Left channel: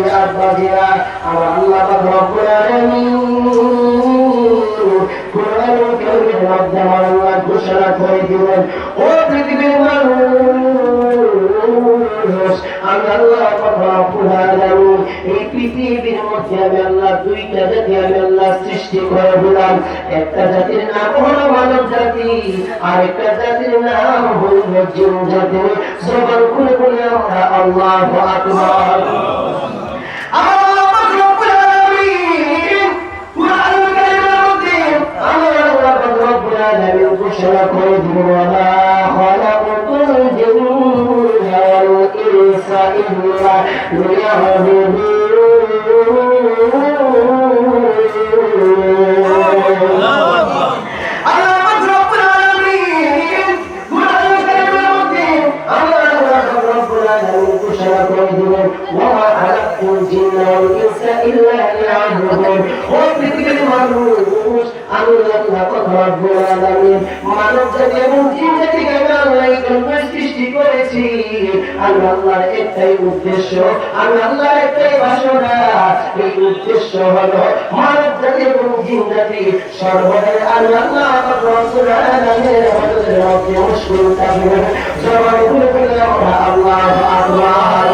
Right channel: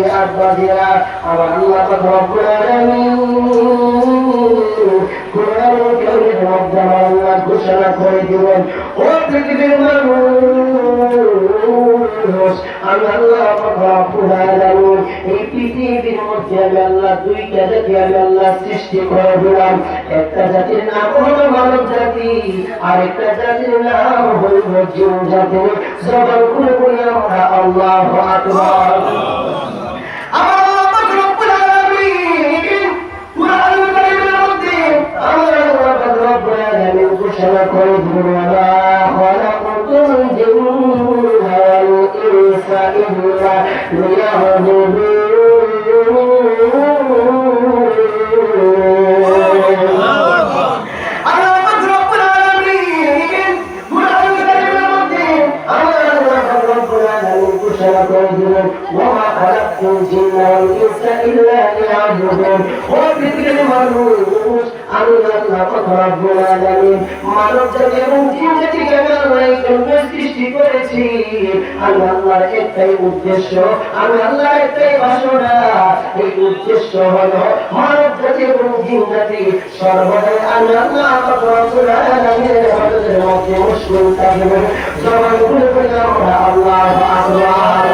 মুরব্বী আব্বাজিরা আমার আল্লাহ রব্বুল আলামিন কোরআনুল কারীমের মধ্যে আমার আল্লাহ ঘোষণা করে দিলেন ও পৃথিবীর মানুষ আমি আল্লাহ রব্বুল আলামিন এই পৃথিবীর মধ্যে আমি আল্লাহ দুইটা জাতি আমি আল্লাহ সৃষ্টি করে দিলাম একটা জাতির নাম হলো মানব জাতি আর একটা জাতির নাম হলো জিন জাতি জবান খুলে বলে আমরা আল্লাহু আকবার আমার আল্লাহ রব্বুল আলামিন কুরআনুল কারীমের মধ্যে আমার আল্লাহ রব্বুল আলামিন ঘোষণা করে দিলেন ওয়া খালাকুল জিন্না ওয়াল ইনসা ইল্লা লিয়াবুদুন وما خلقت الجن والإنس إلا ليعبدون وذكر المنوش আমি আল্লাহ রব্বুল আলামিন মানব জাতি এবং জিন জাতিকে আমি আল্লাহ সৃষ্টি করেছি আমি আল্লাহর একটাই উদ্দেশ্য আমি আল্লাহর একটাই বাসনা এই উদ্দেশ্য হলো মানব জাতি এবং জিন জাতি সর্বদা আমি আল্লাহ রব্বুল আলামিনের ইবাদতের মধ্যে মশগুল থাকবে জবান খুলে বলে আমরা আল্লাহু আকবার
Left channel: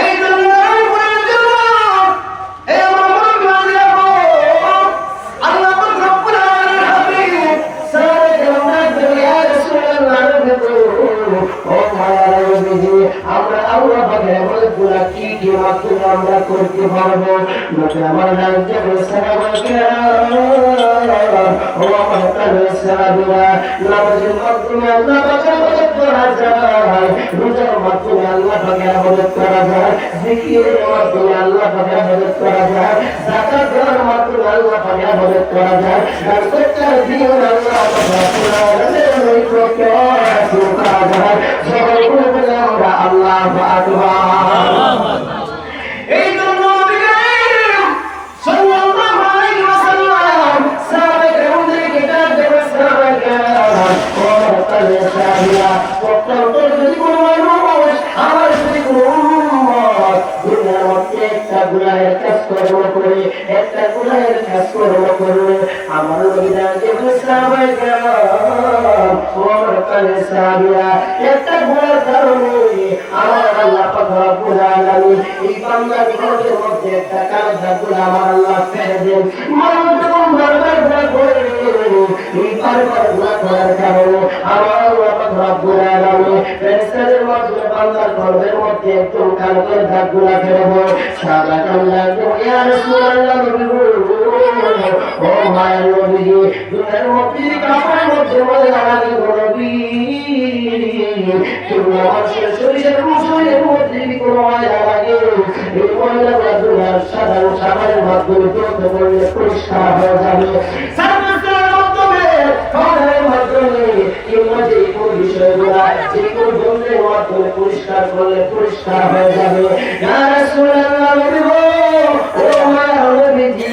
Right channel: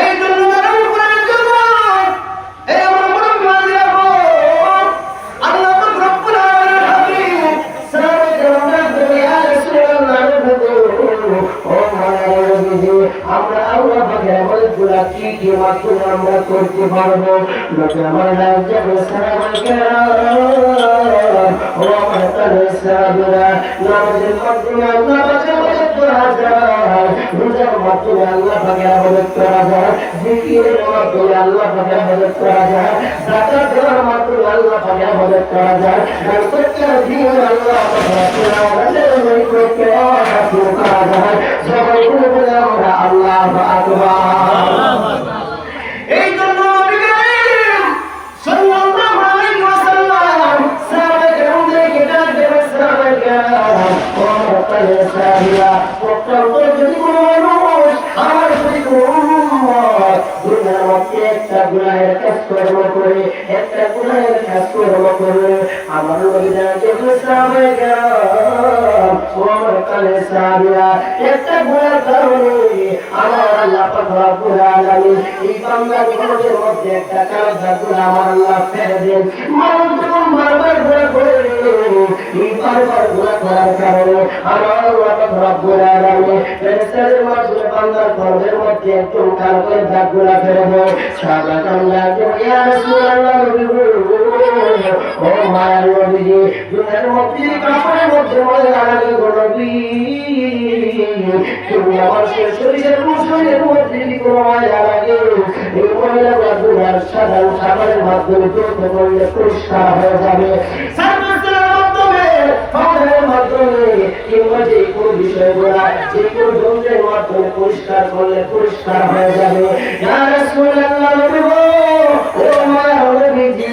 এই জন্য তারা উপরের জন্য এই আমার মন গাজিরা গো আল্লাহ রব্বুল আলামিন হাবিব সাল্লাল্লাহু আলাইহি ওয়াসাল্লাম ও মানবী আমরা আল্লাহ পাকের বলগুলা কি কি মাকুল আমরা করতে পারবো নবী আমার নামে সালাম ও আমার সাহাবীরা নামাজের মাধ্যমে আল্লাহ পাকের করা যায় রোজার মাধ্যমে আল্লাহ পাকের ইবাদত করা যায় জিকিরের মাধ্যমে আল্লাহ পাকের ইবাদত করা যায় যাকাত দেওয়ার মাধ্যমে আল্লাহ পাকের ইবাদত করা যায় আর সত্যের দিন আল্লাহ পাকের ইবাদত করা যায় সবাই বলে আমরা আল্লাহু আকবার এই জন্য নবী করিম সাল্লাল্লাহু আলাইহি ওয়াসাল্লাম সাহাবায়ে ডাক দেন সাহাবায়ে কেরাম ও তাহলে সাহাবীরা প্রত্যেক যদি কোনো মানুষ আমার যদি কোনো উম্মত দুনিয়ার মধ্যে একটা গুনাহের কাজ করে একটা গুনাহের কাজ করে আমার নবী জানতে সাহাবায়ে কেরাম ও তাহলে সাহাবীরা একটা গুনাহের কারণে আমার আল্লাহ রব্বুল আলামিন এই বান্দার জীবনের মধ্যে একটা কালো গুনাহ আমার আল্লাহ ফেলে দেন মানুষ যখন বারবার গুনাহ করে এই বারবার গুনাহ করার কারণে আমার আল্লাহ রব্বুল আলামিন ফেরেশতাদের মাধ্যমে বান্দার কলবের মধ্যে একটু কালো গুনাহ ফেলে দেন সাদা কামলা ইয়া রাসূলুল্লাহ ও মায়ের নবী দুনিয়ার মধ্যে কাপড়ের মধ্যে ময়লা লাগে নবী তুমি আমার শরীরের শরীরের মধ্যে কোনো ময়লা লাগে এই ময়লা দুনিয়ার সাধারণ সাবানের মাধ্যমে ধুতে পারলে পরিষ্কার হয়ে যাবে সার্বস্তরের মাধ্যমে পাউডারের মাধ্যমে কিংবা যে কোনো বিষয়গুলা যে কোনো যন্ত্রের মাধ্যমে পরিষ্কার করলে পরিষ্কার হয়ে যাবে ইয়া রাসূলুল্লাহ ও মায়ের নবীজি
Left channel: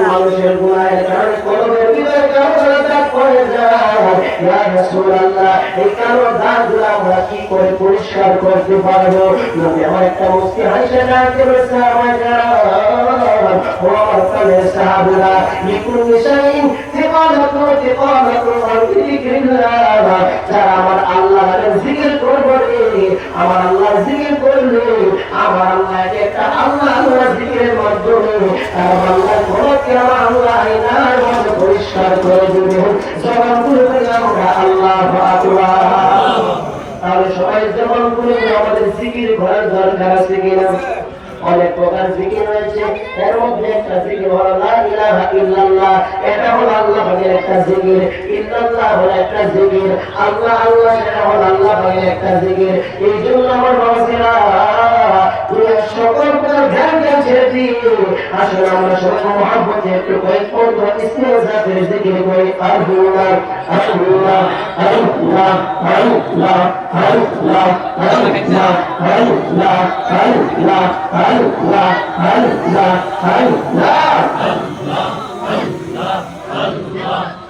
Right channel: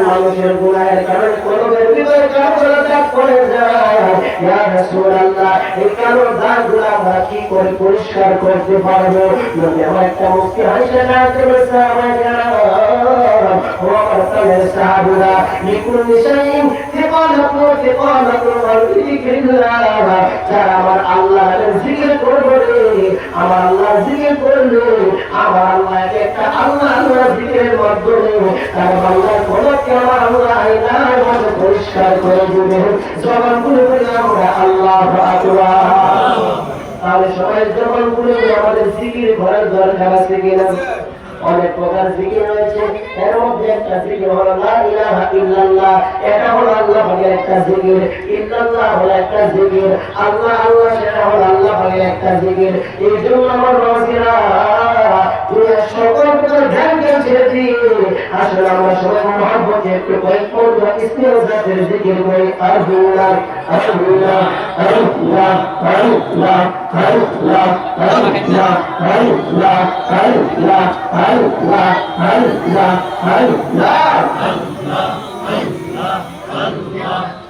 মানুষের গুনাহের কারণে কলবের ভিতরে কালো দাগ পড়ে যায় ইয়া রাসূলুল্লাহ এই কালো দাগগুলো আমরা কি করে পরিষ্কার করতে পারবো নবী আমার একটা মুক্তি হাসে না করে সাহাবারা ও তাহলে সাহাবীরা লিকুল নিশাইন তিবালাকুল যিকরিল্লাহ যারা আমার আল্লাহর জিকির করবে আমার আল্লাহ জিকির করলে আমার আল্লাহকে একটা আল্লাহর জিকিরের মাধ্যমে আর আল্লাহ কোনো কেন আল্লাহ এর মধ্যে পরিষ্কার করে দিবে জবান খুলে আমরা আল্লাহু আকবার তাহলে সবাই জবান খুলে আমাদের জিকির করার দরকার আছে কিনা অনেক প্রকার জিকির রয়েছে এর মধ্যে একটা জিকির হলো লা ইলাহা ইল্লাল্লাহ এটা হলো আল্লাহর একটা জিকির ইল্লাল্লাহ হলো একটা জিকির আল্লাহ আল্লাহ সেটা হলো আল্লাহর একটা জিকির এই জন্য আমার রাসূলরা দুনিয়ার সকল প্রকার ধ্যানকে ছেড়ে দিয়ে আসলে আমরা সবাই মহব্বতে একটু কয়েক পর্দা ইসমে জাতের জিকির করি আল্লাহ আল্লাহ আল্লাহ আল্লাহ আল্লাহ আল্লাহ আল্লাহ আল্লাহ Allah, Allah, Allah, Allah, Allah, Allah.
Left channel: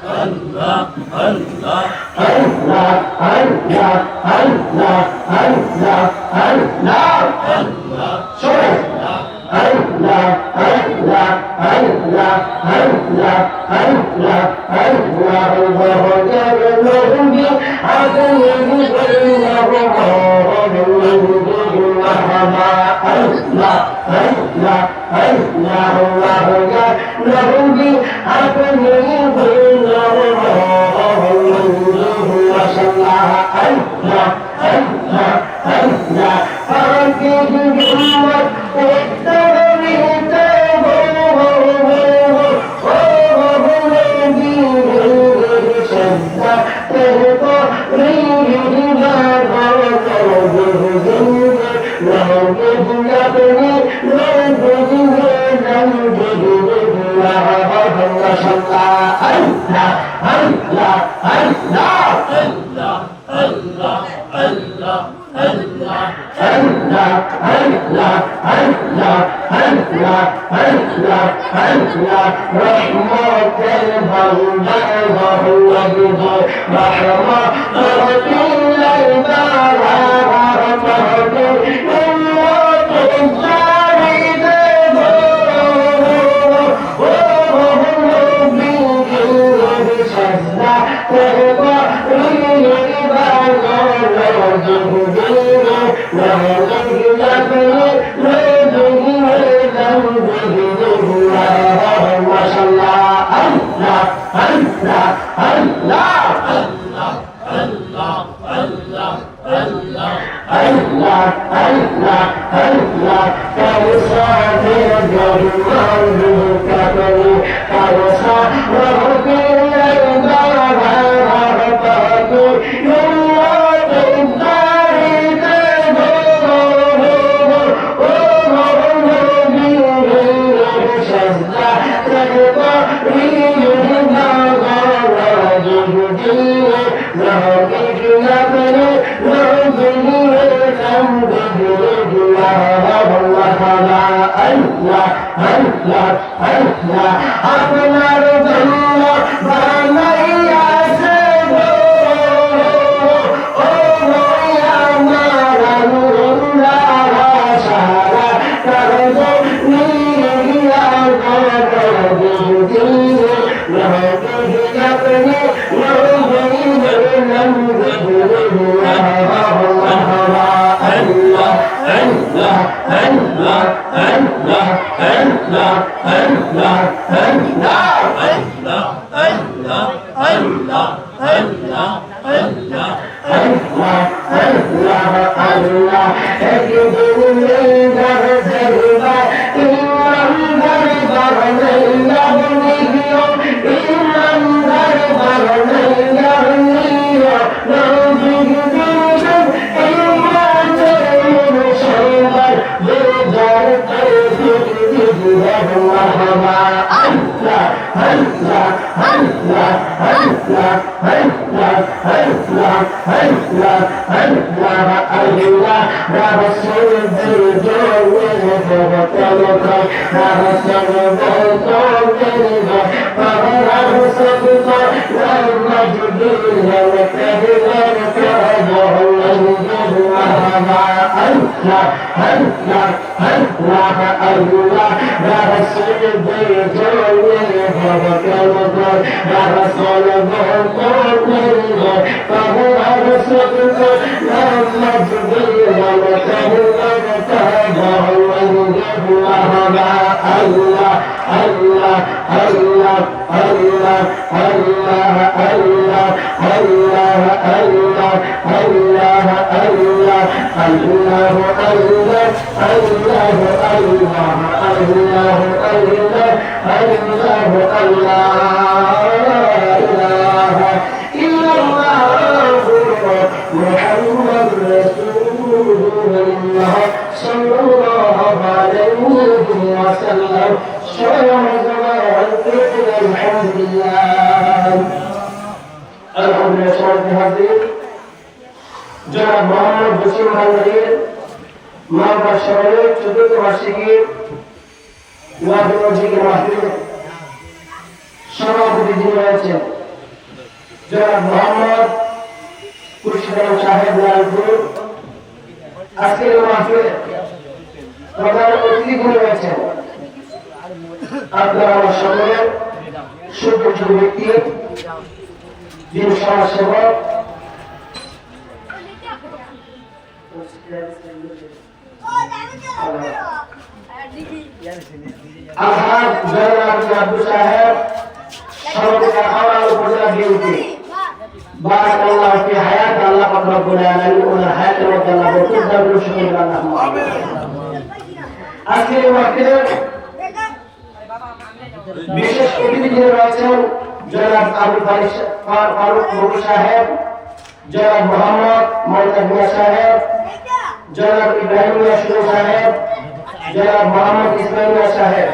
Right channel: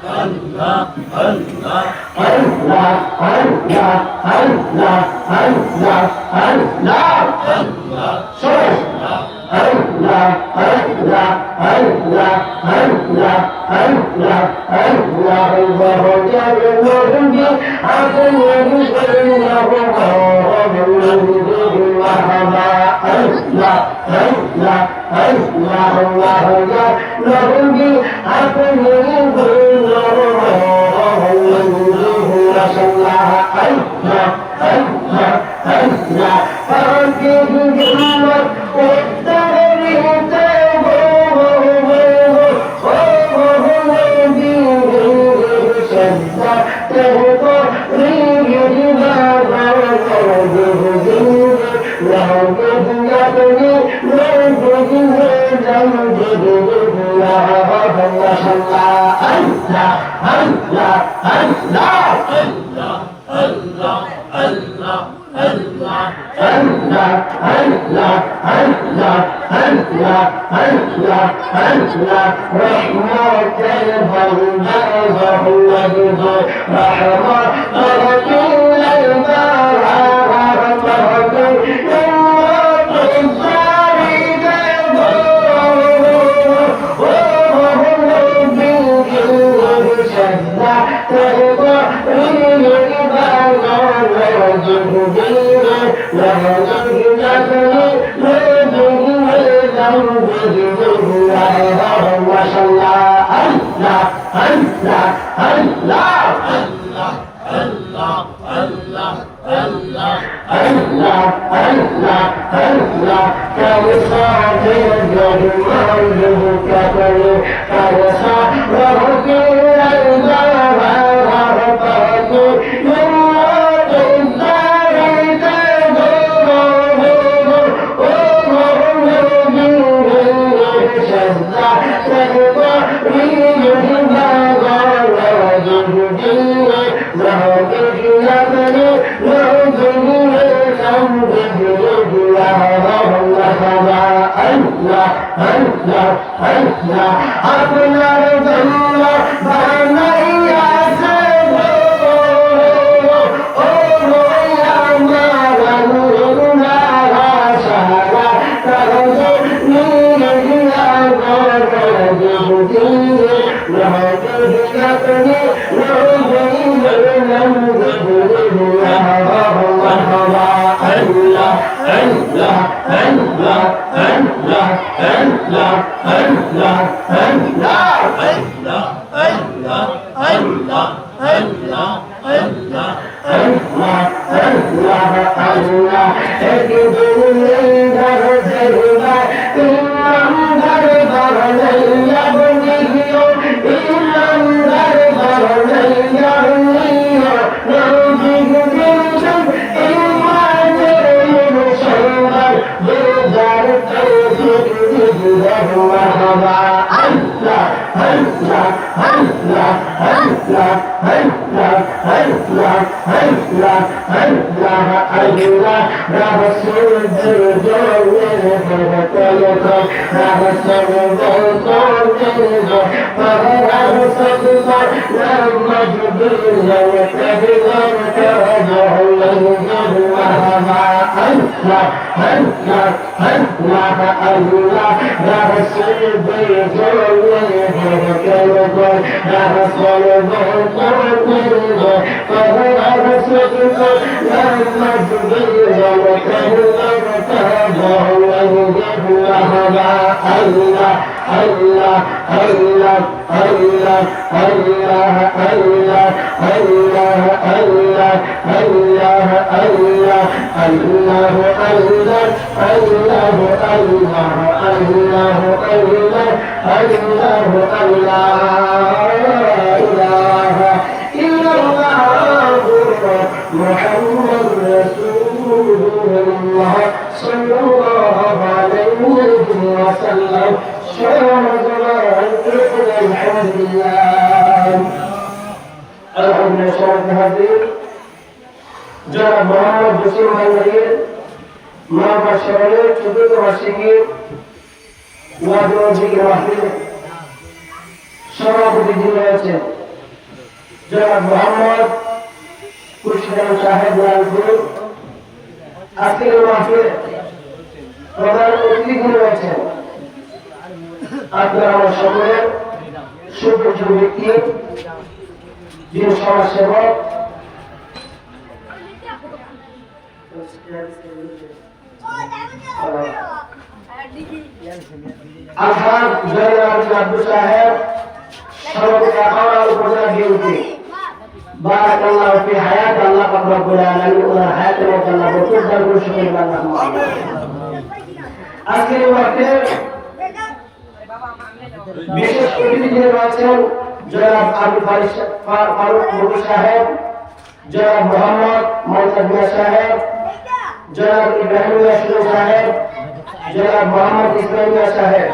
Allah, Allah, Allah, Allah, Allah, Allah, Allah, Allah, সবাই Allah, Allah, Allah, Allah, Allah, Allah, Allahu Jalla জনাব মোহাম্মদ খুরশিদ সাহেব লালপুর আজকের মাহফিলে প্রধান অতিথি রয়েছেন আপনারা সকলের সুপরিচিত ব্যক্তি যিনি সমাজসেবক আলহাজ জয়নাল আব্দুল সাহেব সভাপতি আখাউড়া উপজেলা বিএনপি বারাকাল্লাহু ফি হায়াত আল্লাহ পাক রব্বুল আলামিন ওনার হায়াত এবং আল্লাহ বরকত দান করুন সকলকে আল্লাহুম্মা আমিন। আজকের এই মাহফিলে বিশেষ অতিথি রয়েছেন জনাব আবু ফারুক মুরু সাহেব, জনাব মোহাম্মদ মমতাজ মিয়া সাহেব, জনাব ইব্রাহিম মিয়া শুরু সাহেব, জনাব মোহাম্মদ ইসমাইল মিয়া সাহেব।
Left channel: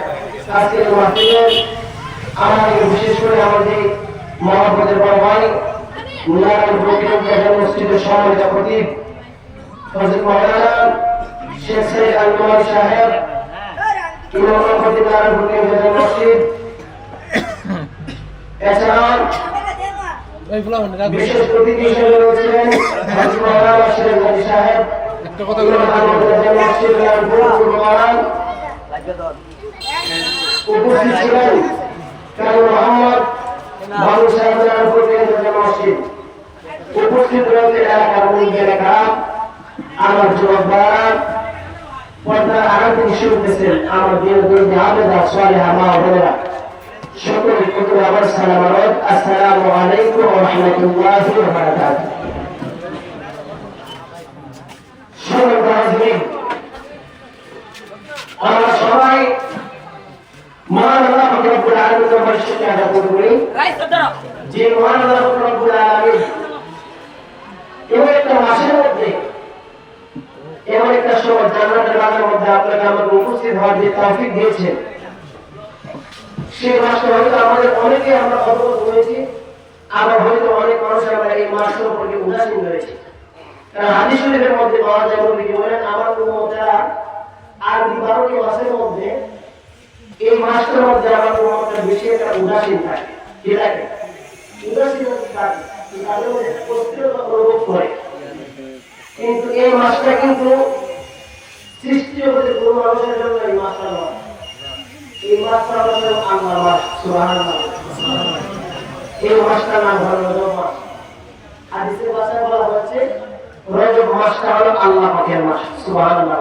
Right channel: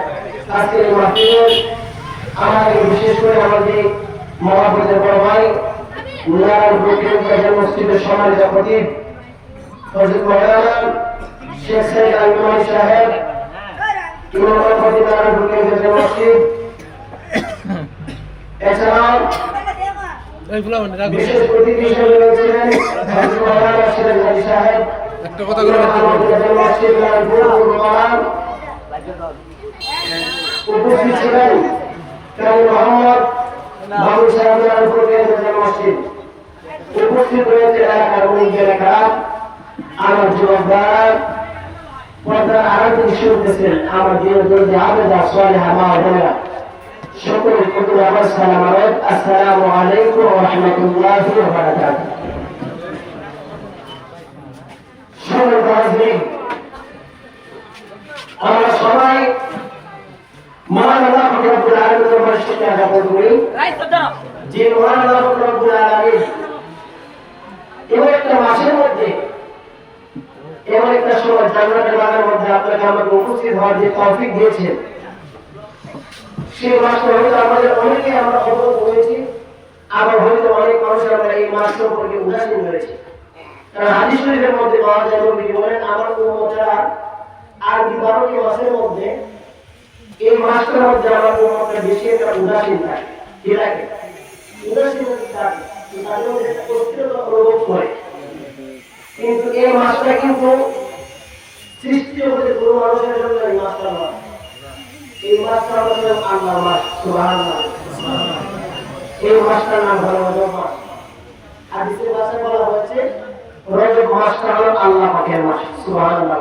আজকের মাহফিলে আমাদের বিশেষ করে আমাদের মহাপদের বড় ভাই নারায়ণপুর কেন্দ্রীয় মসজিদের সম্মানিত খতিব হযরত মাওলানা শেখ সাইদ আল-নুমাইর সাহেব, ইমাম খতিব নারায়ণপুর কেন্দ্রীয় মসজিদ। এছাড়া বিশেষ অতিথি হিসেবে রয়েছেন হযরত মাওলানা সিরাজ আলী সাহেব, একটা কথা বলে মসজিদ নারায়ণপুর মাওলানা উপস্থিত ছিলেন কাজী মোহাম্মদ বাবু সাহেব নারায়ণপুর কেন্দ্রীয় মসজিদ। উপস্থিত রয়েছে এলাকার মুরব্বীরা কারা, আমার যুবকরা, পর্দার আড়াল থেকে শুনতেছেন আমার বিরোধী হাফেজা সালেহা মা বোনেরা, সকলের প্রতি আমার সালাম আলাইকুম, আসসালামু আলাইকুম ওয়া রাহমাতুল্লাহি ওয়া বারাকাতুহু। সম্মানিত হাজিরিন, আমরা সবাই মহান আল্লাহ রব্বুল আলামিনের শুকরিয়া আদায় করি যে মহান আল্লাহ রব্বুল আলামিন এমন একটা মাসের মধ্যে এমন একটা সময় জান্নাতের বাগানের মধ্যে আপনাকে আমাকে উপস্থিত হওয়ার যে তৌফিক দিয়েছেন, সেই মাসটা হয়তো আমাদের অনেকে আমরা অবগত হয়েছি, আবার হয়তো অনেক মানুষ আমরা এই মাস সম্পর্কে উদাসীন হয়েছে। কারণ হাদিস শরীফের মধ্যে পাওয়া যায় নবী বলেন আমার উম্মতেরা আরবি 12টি মাসের মধ্যে এই মাসটার মধ্যে আমার উম্মতরা বেশি একটা উদাসীন থাকে, কি লাগে উদাসীনতা থাকে, তাদের মধ্যে একটা অস্থিরতা অনুভব করে। কিন্তু এই মাসটা কিন্তু সৃষ্টি হতে কোনো মানুষের জন্য এই মাসটা নয়, এই মাসটা হচ্ছে আল্লাহর মাস, সুবহানাল্লাহ। এই মাসটার নাম হলো রজব মাস। হাদিসের ভাষায় বলা হয়েছে রজব মাসটা হলো আল্লাহ পাকের মাস, সুবহানাল্লাহ।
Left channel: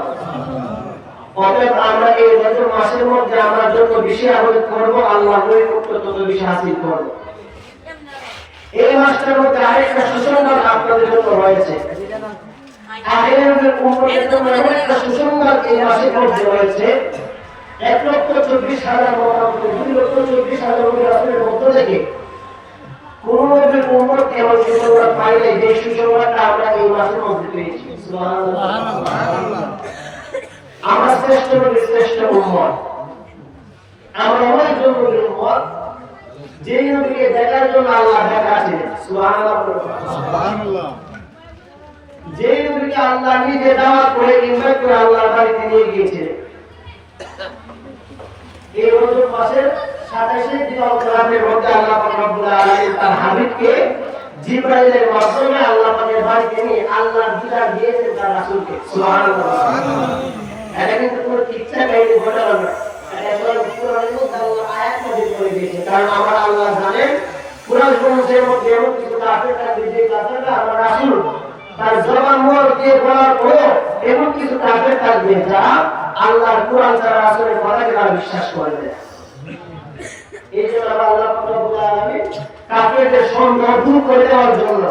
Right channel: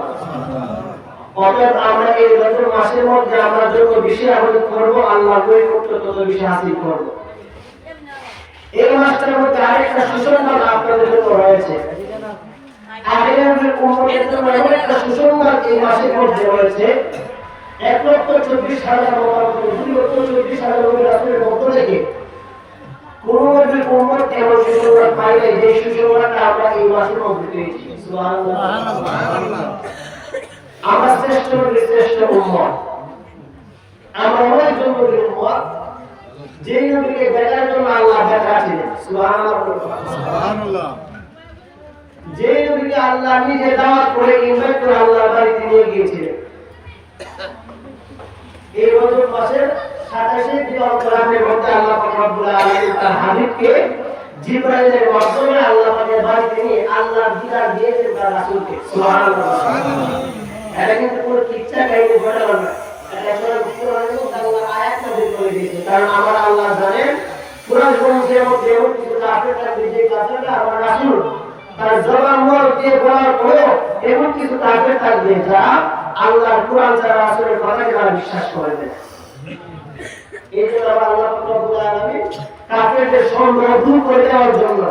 অতএব আমরা এই রজব মাসের মধ্যে আমরা যত বেশি আমল করব আল্লাহর নৈকট্য তত বেশি হাসিল করব। এই মাসটার মধ্যে আরেকটা সুসংবাদ আপনাদের জন্য রয়েছে, আখিরাতের উম্মতের জন্য এমন একটা সুসংবাদ এই মাসের মধ্যে রয়েছে। 1,24,000 মোহাম্মদ 2,24,000 নবী রাসূলের মধ্য থেকে কোন নবীর উম্মত এমন সুসংবাদ পায় নাই যে সুসংবাদটা আমরা এই মাসের মধ্যে পেয়েছি, সুবহানাল্লাহ। আমরা শ্রেষ্ঠ নবীর শ্রেষ্ঠ উম্মত, আমরা এমন একজন নবীর উম্মত যে নবীকে দেখার জন্য আল্লাহ দেখাচ্ছিলেন, সুবহানাল্লাহ। যে নবীকে আল্লাহ নিজে দাওয়াত করে ইনভাইট করে আল্লাহর বাড়িতে নিয়ে গিয়েছিলেন। এই রজব মাসের 27 দিবাগত রাতের মধ্যে আল্লাহ পাক রব্বুল আলামিন তার হাবিবকে জিবরাইলের মাধ্যমে আল্লাহ পাকের বাড়িতে নিয়ে আল্লাহর দিদার দিয়েছেন তার রাসূলকে, সুবহানাল্লাহ। এটা কিন্তু কোনো কিচ্ছা কাহিনী বলে না, এটা কোরআনের মধ্যে আল্লাহ আয়াত নাযিল করে দিয়েছেন। কারণ আমার আল্লাহ জানেন কোরআন শরীফের মধ্যে এমন কিছু কাফের থাকবে যে কাফেররা আমার রাসূল তার জবান মোড় দিয়ে বলার পরেও এমন কিছু কাফের থাকবে যারা আল্লাহর কোরআন ছাড়া রাসূলের কথাকে তারা বিশ্বাস করে না। এই জন্য আল্লাহ রব্বুল আলামিন কাফেরদের সন্দেহ দূর করে দেওয়ার জন্য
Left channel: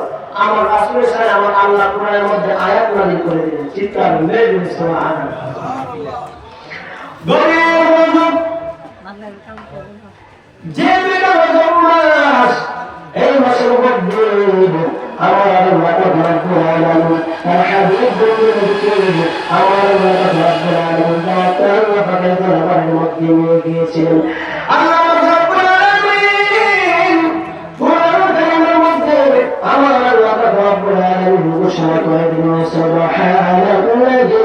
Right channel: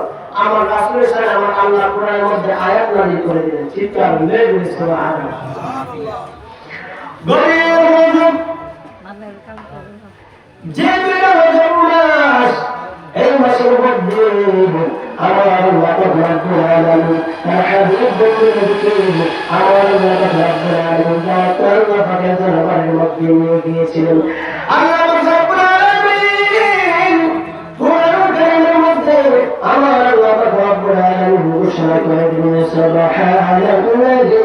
আমার রাসূলের সাথে আমার আল্লাহ কোরআনের মধ্যে আয়াত নাযিল করে দিলেন। চিৎকার মেরে বলি সুবহানাল্লাহ। গভীর মনোযোগ, যে রজব মাস, এই মাসের মধ্যে আমার আল্লাহ রব্বুল আলামিন তার হাবিবকে আমার আল্লাহ রব্বুল আলামিন তার পাকের দরবারের মধ্যে নিয়ে গিয়েছিলেন। আল্লাহ রব্বুল আলামিন কোরআন কারীমের মধ্যে আমার আল্লাহ রব্বুল আলামিন ঘোষণা করে দিলেন সুবহানাল্লাযী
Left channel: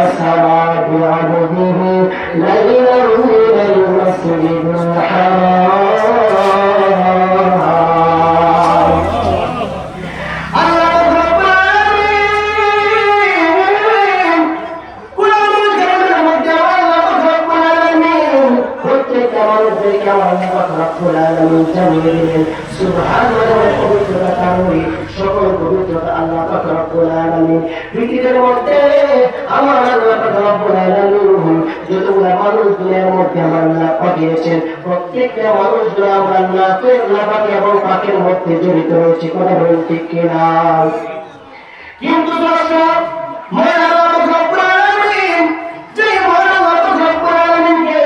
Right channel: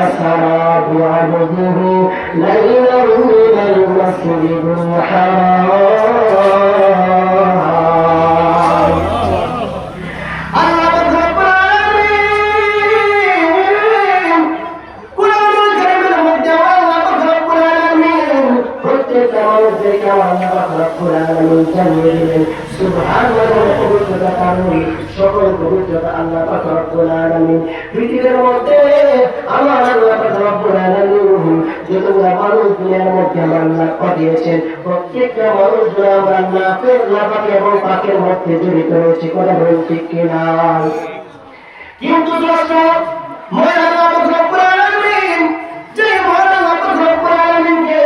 আসরা বি'আবদিহি লাইলান মিনাল মাসজিদিল হারাম পৃথিবীর মধ্যে আমার আল্লাহ পাক রব্বুল আলামিন যতগুলো মানুষ দুনিয়ার মধ্যে আমার আল্লাহ পাঠিয়েছেন প্রত্যেকটা মানুষ আমার নাকের নাপাক এবং পাকের মধ্যে জড়িত রয়েছে কথা বলেন ঠিক কিনা কিন্তু দর্শক মহান আল্লাহ পাক রব্বুল আলামিন যে মহান আল্লাহ পাক রব্বুল আলামিনকে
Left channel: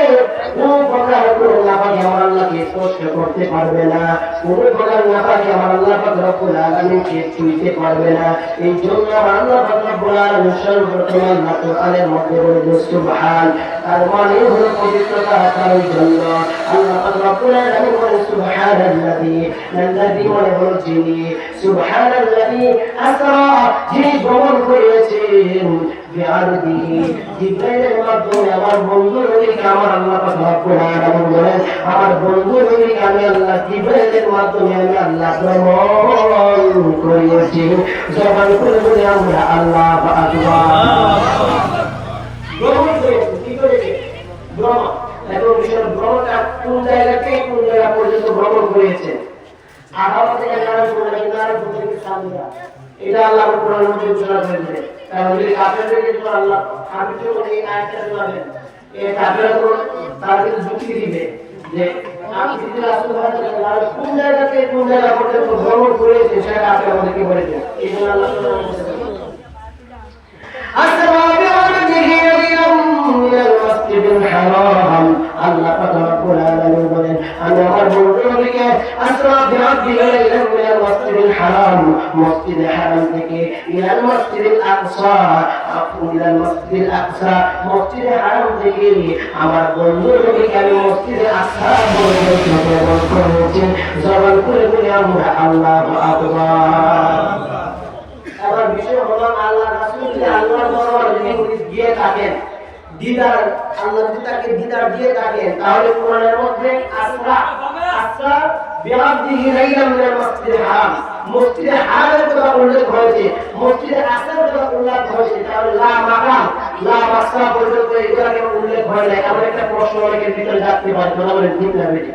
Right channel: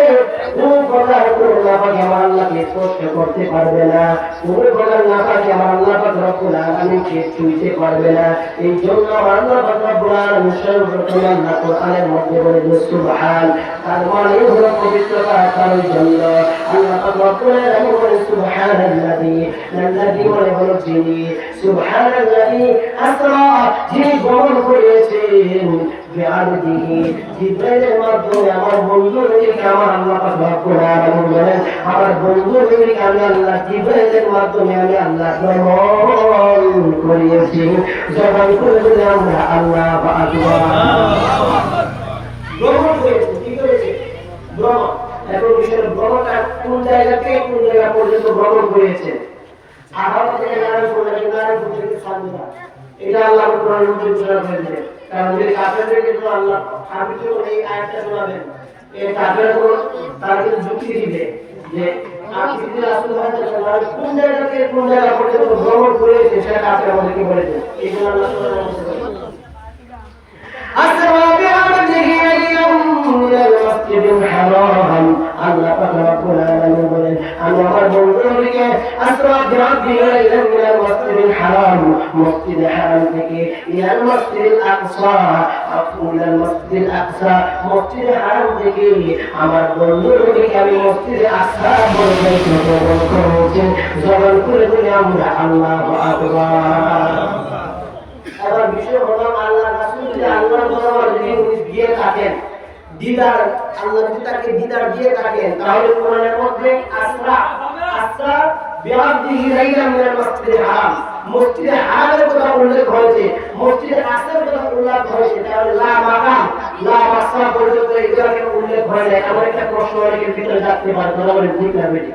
কোনো প্রকার কোনো নাপাক আমার আল্লাহকে স্পর্শ করতে পারবে না কোনো প্রকার নাপাক আমার আল্লাহ পাক রব্বুল আলামিনকে ছুঁইতে পারবে না এই জন্য আমার আল্লাহ পাক রব্বুল আলামিন সর্বপ্রথম আল্লাহ কোরআনের মধ্যে বলেছেন সুবহান তার মানে হলো পবিত্রতা তার জন্য আল্লাহ পাক রব্বুল আলামিন বলেন সুবহানাল্লাযী আল্লাযী মানে হলো যিনি সুবহানাল্লাযী আসরা যিনি ভ্রমণ করেছেন বিআরদিহি জিবরাইলের মাধ্যমে আমার বন্ধু নবীকে আমার আল্লাহ পাক রব্বুল আলামিন বলেন আমার বন্ধু নবীকে আমি আল্লাহ জিবরাইলের মাধ্যমে আমি আল্লাহ ভ্রমণ করিয়েছি যখন করে বলে আমরা আল্লাহু আকবার ভ্রমণ করেছি কি করেছি ভ্রমণ এখন বিষয় ভ্রমণটা কোন জায়গা থেকে কোন জায়গা পর্যন্ত ভ্রমণ করেছে আহার থেকে নারায়ণপুর থেকে সামনে এটা আল্লাহ কোরআনের মধ্যে ঘোষণা করেছে কারণ এই কাফেরদের কিন্তু আল্লাহ আপনি তো এই আয়াতটা শোনাবেন এই কাফেররা তারা কিন্তু যুক্তি দিবে যে আপনি যদি রাসূল হয়ে থাকেন কোন জায়গা থেকে কোন জায়গা পর্যন্ত ভ্রমণ করেছে সেটা আপনি আমাদেরকে বলে দেন এই জন্য আল্লাহ কোরআনের মধ্যে أسرى بعبده ليلا من المسجد الحرام الله পাক রব্বুল আলামিন বলেন আমি আমার বন্ধুকে আসরা بعبده ليلا من المسجد الحرام مسجد الحرام থেকে إلى المسجد الأقصى إلى المسجد الأقصى مسجد الحرام থেকে আমার বন্ধুকে আমি মসজিদ আকসা পর্যন্ত ভ্রমণ করেছি জবান করে বলি আমরা আল্লাহু আকবার আবার বিষয় হলো আল্লাহ রাসূল যে আল্লাহর দরবারে যদি গিয়ে থাকেন দিদার আল্লাহ যদি তাকে দিদার দিয়ে থাকেন তাহলে কোরআনের মধ্যে আসরা বিআবদিহি লাইলান মিনাল মাসজিদিল হারাম মসজিদে হারামের কথা উল্লেখ হয়েছে মসজিদে আকসার কথা উল্লেখ হয়েছে তাহলে লা মাকাম লা মাসা পর্যন্ত এগুলোকে উল্লেখ হয় না এমন একটা প্রশ্ন অনেকের ভিতরে থাকতে পারে তোমরা বলেন ঠিক না বেটি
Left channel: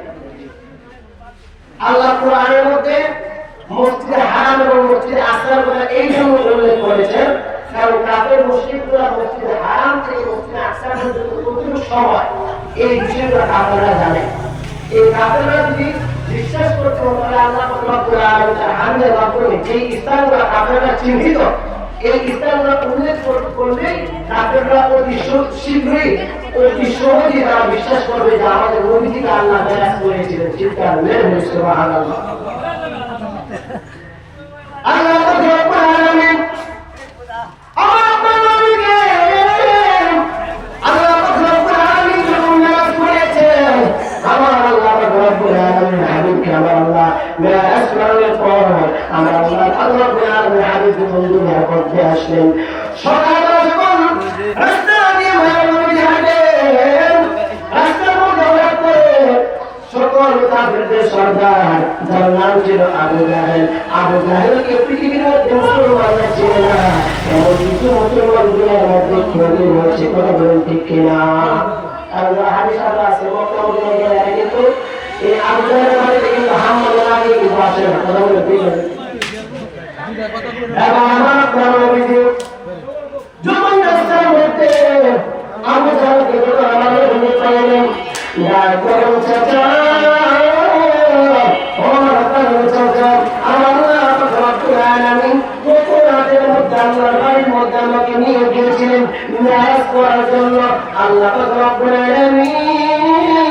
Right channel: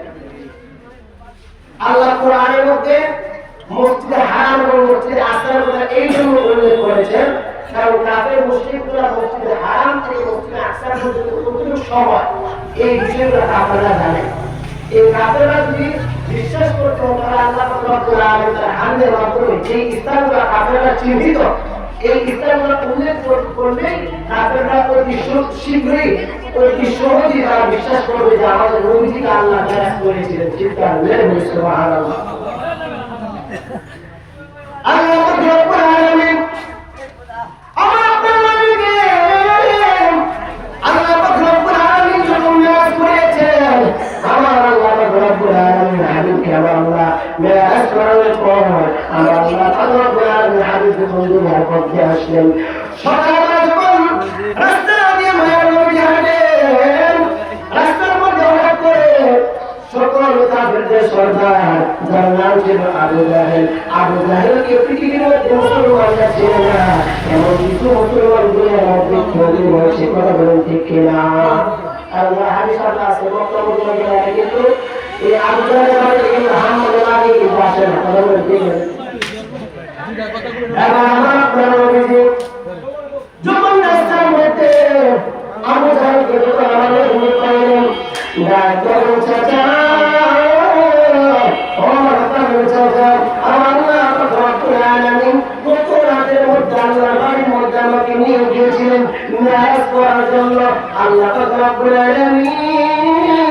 আল্লাহ কোরআনের মধ্যে মসজিদে হারাম এবং মসজিদে আকসার কথা এই জন্য উল্লেখ করেছেন কারণ কাফের মুশরিকরা মসজিদে হারাম থেকে মসজিদে আকসা পর্যন্ত কতটুকু সময় এই বিষয়গুলো কাফেররা জানে এই কাফেররা যদি বিশ্বাস করতে তাহলে আল্লাহ রব্বুল আলামিন তার হামদের মাধ্যমে যে স্থানগুলো কাফেররা চিহ্নিত এই স্থানগুলো উল্লেখ করলে কাফেররা অতি শীঘ্রই অতি সহজেই তারা বিশ্বাস করবে যে আমাদের নবীজিকে আল্লাহ বেয়াত করেছিলেন চিৎকার মেরে সুবহানাল্লাহ আল্লাহ পাক রব্বুল আলামিন আমার আপনার নবীকে আল্লাহ পাক রব্বুল আলামিন যখন মেরাজ করেছেন আমার আল্লাহ পাক রব্বুল আলামিন হাবিবকে আমার আল্লাহ মেরাজ করার পর আমার আল্লাহ পাক রব্বুল আলামিন হাবিবকে দুনিয়ার মধ্যে আসলেন সকালবেলা যখন রাস্তা দিয়ে মায়ের নবী হাঁটেন রাস্তার মধ্যে হঠাৎ করে সকল কাফেরদের সর্দার যার নাম ছিল আবু জাহেলকে পৃথিবীর মধ্যে মুসলমানরা ছিল না এমন কিছু মুসলমান দুনিয়ার মধ্যে ছড়িয়ে রয়েছে কথা বলেন ঠিক কিনা আল্লাহ হাদিস আছে বর্তমান দুনিয়ায় কিন্তু এই আবু জাহেলের বাড়ি থেকে মুহাম্মদ আগে কিন্তু আসে না কথা বলেন ঠিক এবার আমার নবীজি যখন রাস্তার মধ্যে আবু জাহেলকে যখন আমাদের ভূমি পাইলেন ডাক করুন চাচা আমাকে নিয়ে গিয়েছিলেন মেরাজ করার জন্য আল্লাহ রব্বুল আলামিন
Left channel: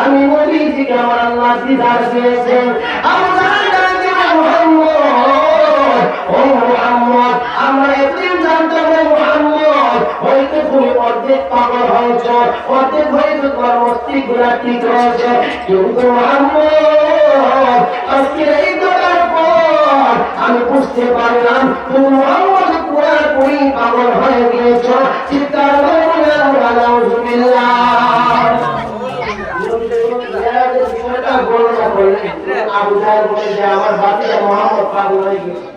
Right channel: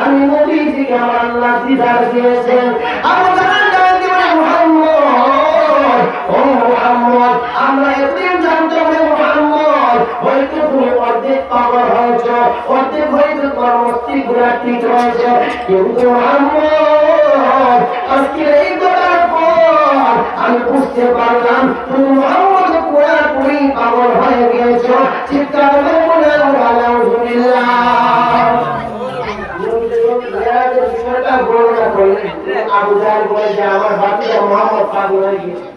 আমি নবীজিকে আমার আল্লাহ দিদার দিয়েছেন আবু জাহেল ডাকতে বলে মুহাম্মদ ও মুহাম্মদ আমরা একদিন জানতে পারি মুহাম্মদ হয়তো তুমি অর্ধেক পাগল হয়েছ অর্ধেক হয়তো তোমার মস্তিষ্কগুলো ঠিক হয়েছে কিন্তু মুহাম্মদ আজকে এই কথার পর আমি বুঝতে পারলাম তুমি মুহাম্মদ পুরাপুরি পাগল হয়ে গিয়েছ চিৎকার করে বলে আলহামদুলিল্লাহ বিষয়টা বর্ণনা করলেন আবু জাহেল বলে যে আমার বাতিজা মুহাম্মদ পাগল হয়ে গিয়েছে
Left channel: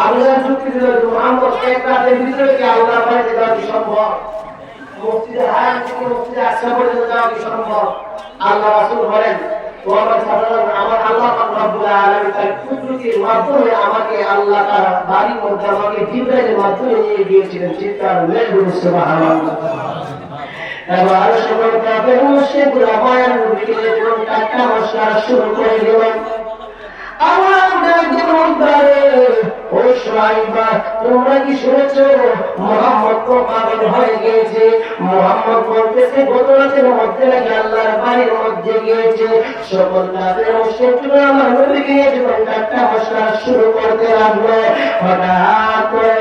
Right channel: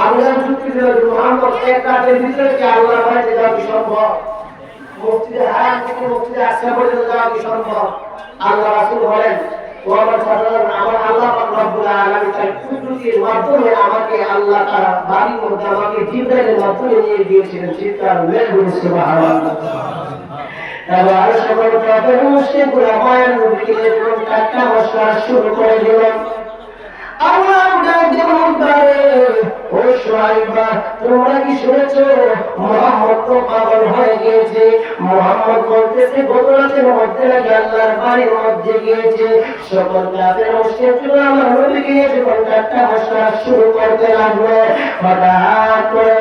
আবু জাহেল যুক্তি দিল মুহাম্মদ এক রাতের ভিতরে কি আল্লাহর বাড়িতে যাওয়া কি সম্ভব মসজিদে হারাম থেকে মসজিদে আকসা পর্যন্ত যাওয়া কি সম্ভব আল্লাহ রাসূল বলেন ও আমার সাধারণ আমার আল্লাহ রাব্বুল আলামিন তার কুদরতের মাধ্যমে আমাকে আল্লাহ তার বাড়ির মধ্যে আমাকে জিবরাইলের মাধ্যমে নিয়ে গিয়েছিলেন। চিৎকার মেরে সুবহানাল্লাহ। এবার সকল কাফের মুশরিকরা মায়ের নবীকে যখন টাটকা মশলা শুরু করে দিল, আল্লাহ ডাকে বলতে, ও শুআয়বা, তোমরা কি শুনেছো মুহাম্মদ তো পাগল হয়ে গিয়েছে? মুহাম্মদ বলতেছে গত রাতের মধ্যে নাকি আল্লাহর বাড়ির মধ্যে গিয়েছে। সকল কাফের মুশরিকরা আমার নবীকে যখন টাটকা মশলা শুরু করতে লাগলো, হঠাৎ করে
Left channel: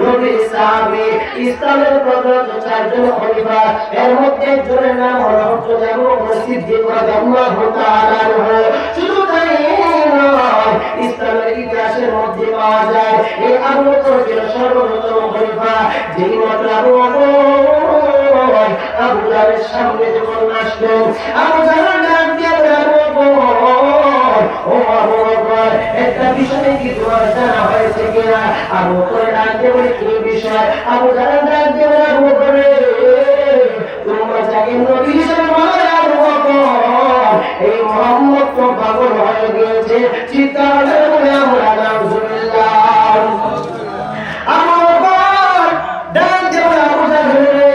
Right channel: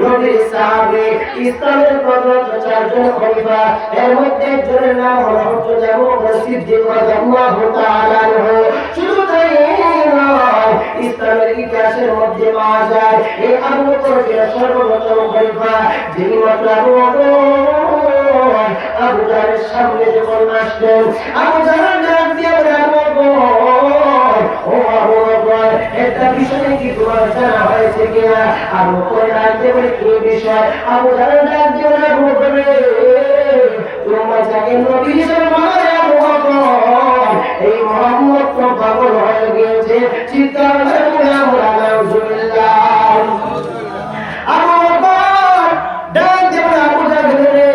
নবীর সাহাবী ইসলামের প্রথম চারজন খলিফা, এর মধ্যে একজনের নাম হলো হযরত আবু বকর সিদ্দিক রাদিয়াল্লাহু তাআলা আনহু। শুধু তাই নয়, ইসলামের ইতিহাসের মধ্যে পাওয়া যায় এই আবু বকর ছিল সর্বপ্রথম খলিফা, যিনি মাত্র আবু জাহলের সামনে যখন আসলেন, আবু জাহল ডাক দিয়ে বলে, আবু বকর, ও আবু বকর, একটা বিষয় কি তোমার জানা হয়েছে কিনা? আবু বকর ডাক দিয়ে বলে, কি বিষয়? আবু জাহল ডাক দিয়ে বলে, আবু বকর রে, তোমরা যাকে নবী হিসেবে মানো রে আবু বকর, এই মুহাম্মদ তো পাগল হয়ে গিয়েছে। চিৎকার করে আমরা নাউজুবিল্লাহ। আবু বকর ডাক দিয়ে বলে, আবু জাহল রে,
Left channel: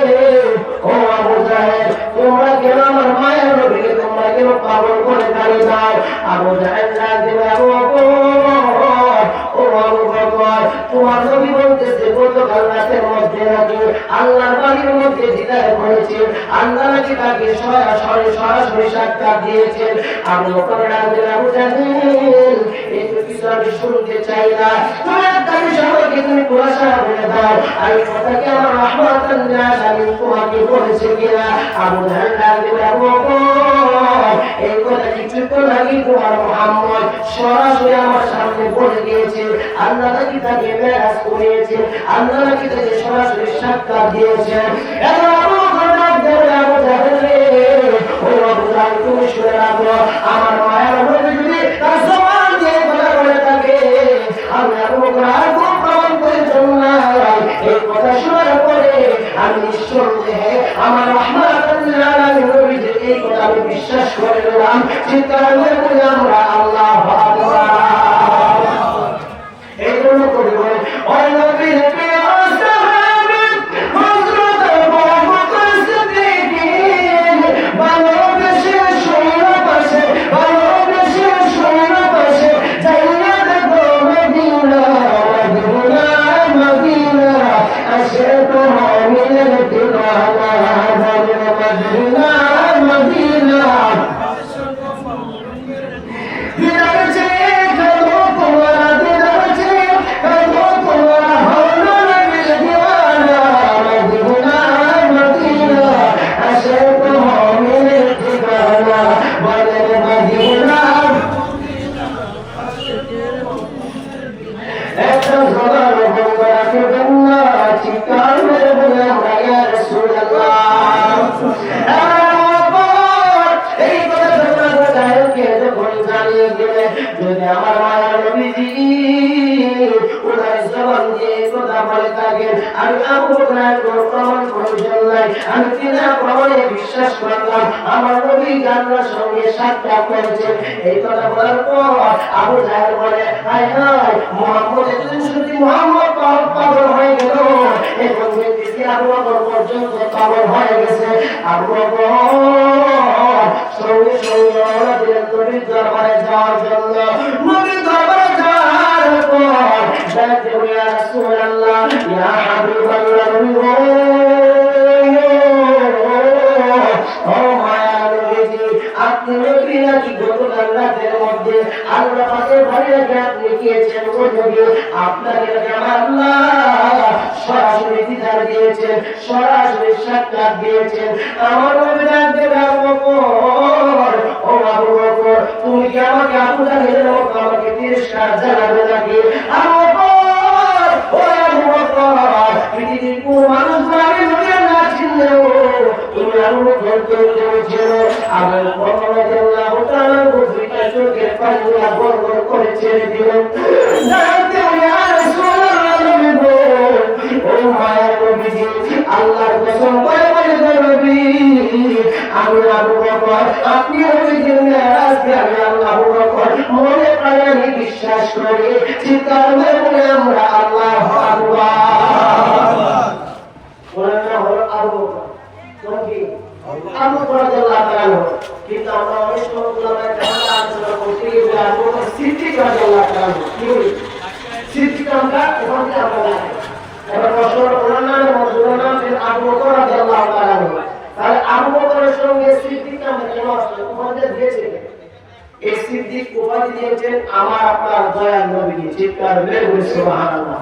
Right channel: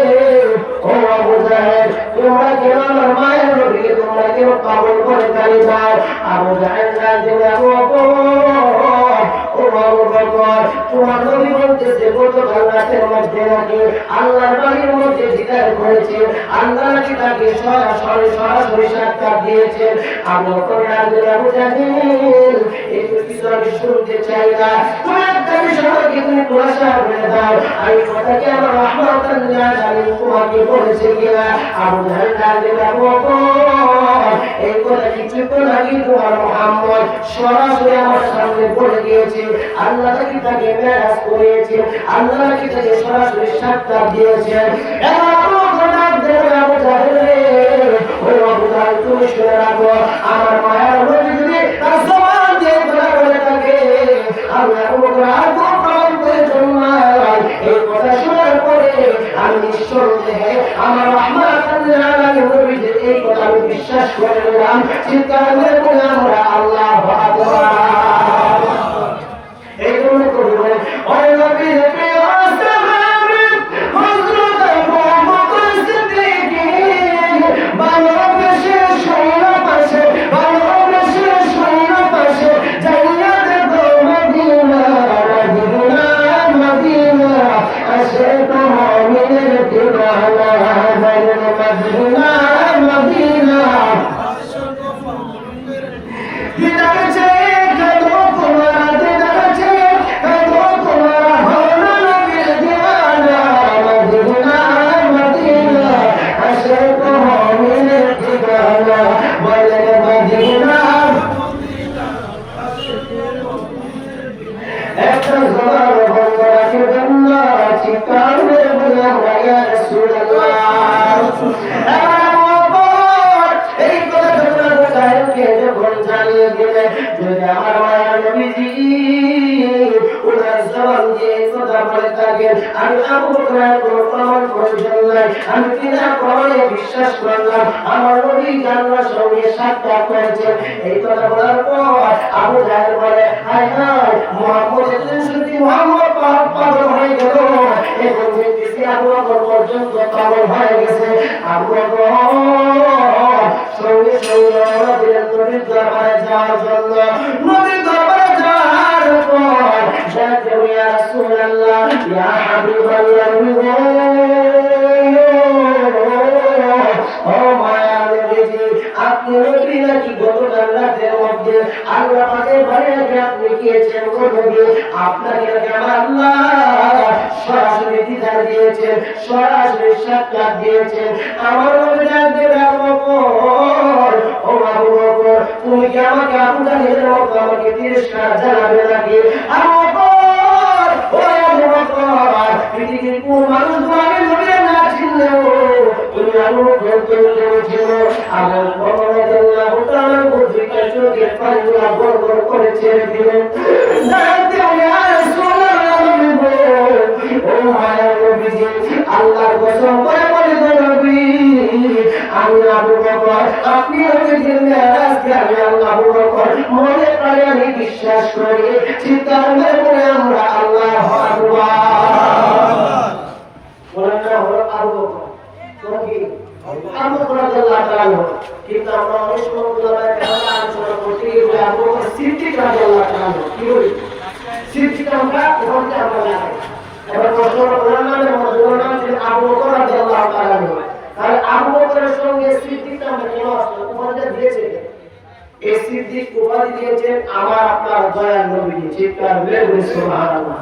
ও আবু জাহল, তোমরা কেন আমার মায়ের নবীকে তোমরা কেন পাগল করে তাড়িয়ে দাও? আবু জাহল ডাক দিয়ে বলে, আবু বকর, ও আবু বকর, তোমার নবী বলতেছে গতকাল রাতের মধ্যে নাকি আল্লাহর বাড়ির মধ্যে দিদার করেছে, আল্লাহ নাকি তাকে সরাসরি সাক্ষাৎ দিয়েছেন। আবু বকর ডাক দিয়ে বলে, আবু জাহল, একটু কিছু আমি শুনতে চাই না, তুমি একটা বিষয় আমাকে তুমি খুলাসা করে দাও, আর এই কথা কি আমার রাহমাতাল লিল আলামিন তোমাকে বলেছে কিনা? আবু জাহল ডাক দিয়ে বলে, আবু বকর, এই কথা কিছুক্ষণ আগে তোমার মুহাম্মদ সরাসরি আমার সামনে বলে গিয়েছে, আল্লাহ নাকি তাকে মেরাজ করিয়েছে, আল্লাহ নাকি তাকে সরাসরি সাক্ষাৎ দিয়েছেন। এবার আবু বকর ডাক দিয়ে বলে, আবু জাহল রে, ও আবু জাহল, তুমি শুনে রাখো, আমার মায়ের নবী যদি তার জবান দিয়ে কথা বলে থাকে, আমি আবু বকর আর কোনো প্রমাণ প্রয়োজন নাই। এই কথা শোনার পরে আমি নিঃসন্দেহে আমার রাহমাতুল লিল আলামিন নবীর এই কথা আমি বিশ্বাস করে নিলাম। চিৎকার করে আমরা আল্লাহু আকবার। এই জন্য কবি বলে, ওই নবীর প্রিয় সাহাবী হযরত আবু বকর সিদ্দিক, ভালোবেসে শুইরা পাশে, ভালোবেসে শুইরা পাশে, যাইয়া দেখো মদিনা, মদিনা, মদিনা, আসে তো মুমিনের দিওয়ানা, মদিনা, মদিনা, দিদার চেয়ে কাঁদো তোমারা, দিদার চেয়ে কাঁদো তোমারা, হলো নবীর দিওয়ানা, মদিনা, মদিনা, আসে তো মুমিনের দিওয়ানা, বলে মদিনা। একটা জবান বন্ধ রাখবেন না, চিৎকার মেরে বলে আমরা ইয়া রাসূলুল্লাহ। এবার আবু বকর এই কথা যখন আবু জাহলকে যখন জানিয়ে দিলে, যদি আমার মায়ের নবীজি উনার জবান দিয়ে কথা বলে থাকেন, আমি আবু বকরের কোনো প্রমাণ প্রয়োজন নাই, আমি বিনা প্রমাণে বিশ্বাস করলাম আমার নবী আল্লাহর সঙ্গে সাক্ষাৎ করেছেন। এই কথা বলার পর আবু জাহল বলে, হায় হায়, মুহাম্মদ এতদিন শুনছি মুহাম্মদ পাগল হয়ে গেল, এখন দেখতেছি আবু বকর পর্যন্ত পাগল হয়ে গেছে। আবু বকর সঙ্গে সঙ্গে রওনা দিলেন নবীর দরবারে যাওয়ার জন্য। নবীর দরবারে যাওয়ার পর বলতে, ইয়া রাসূলুল্লাহ, ইয়া হাবিবাল্লাহ, নবী গো, ও মায়ার নবীজি, আপনি নবী নাকি গতকাল রাতের মধ্যে আল্লাহ পাকের বাড়িতে আপনি গিয়েছেন গো নবী, আপনাকে নাকি আমার আল্লাহ সরাসরি দিদার দিয়েছেন, সরাসরি সাক্ষাৎ দিয়েছেন। আমার নবী ডাক দিয়ে আবু বকর, ও আবু বকর, তুমি কি আমাকে আবু জাহলের মতো আমাকে তিরস্কার জানাবে নাকি? আবু বকর, ও আবু বকর, পৃথিবীর কোন মানুষগুলো আমি নবীর না চিনলেও তুমি আবু বকর তুমি ছিল। আবু বকর রাদিয়াল্লাহু তাআলা বুদ্ধিকা চোখের পানিগুলো বড় বড় করে ছেড়ে দিলেন। ডাক দিয়ে, ইয়া রাসূলুল্লাহ, ও মায়ার নবীজি, আল্লাহর কসম করে বলে গো নবী, করি চিৎকার মেরে বলে আমরা আল্লাহু আকবার। ওনার নাম হলো আবু বকর। কোন কি? আবু বকর রাদিয়াল্লাহু তাআলা। কিন্তু আমরা অনেক সময় উলামায়ে কেরাম আলোচনা করতে গিয়ে বলি আবু বকর সিদ্দিক রাদিয়াল্লাহু তাআলা। কি বলি? সিদ্দিক আমরা ওখান থেকে আমরা জানি। এবার প্রশ্ন ওনার নামের মধ্যে ওনার নাম ছিল আবু বকর রাদিয়াল্লাহু তাআলা। তাহলে আবু বকরের সঙ্গে সিদ্দিক নামটা কেন আসলো? উপাধিটা দিয়েছে কে? এই সিদ্দিক উপাধি দিয়েছেন আমার আপনার দয়াল নবী। চিৎকার মেরে বলি সুবহানাল্লাহ।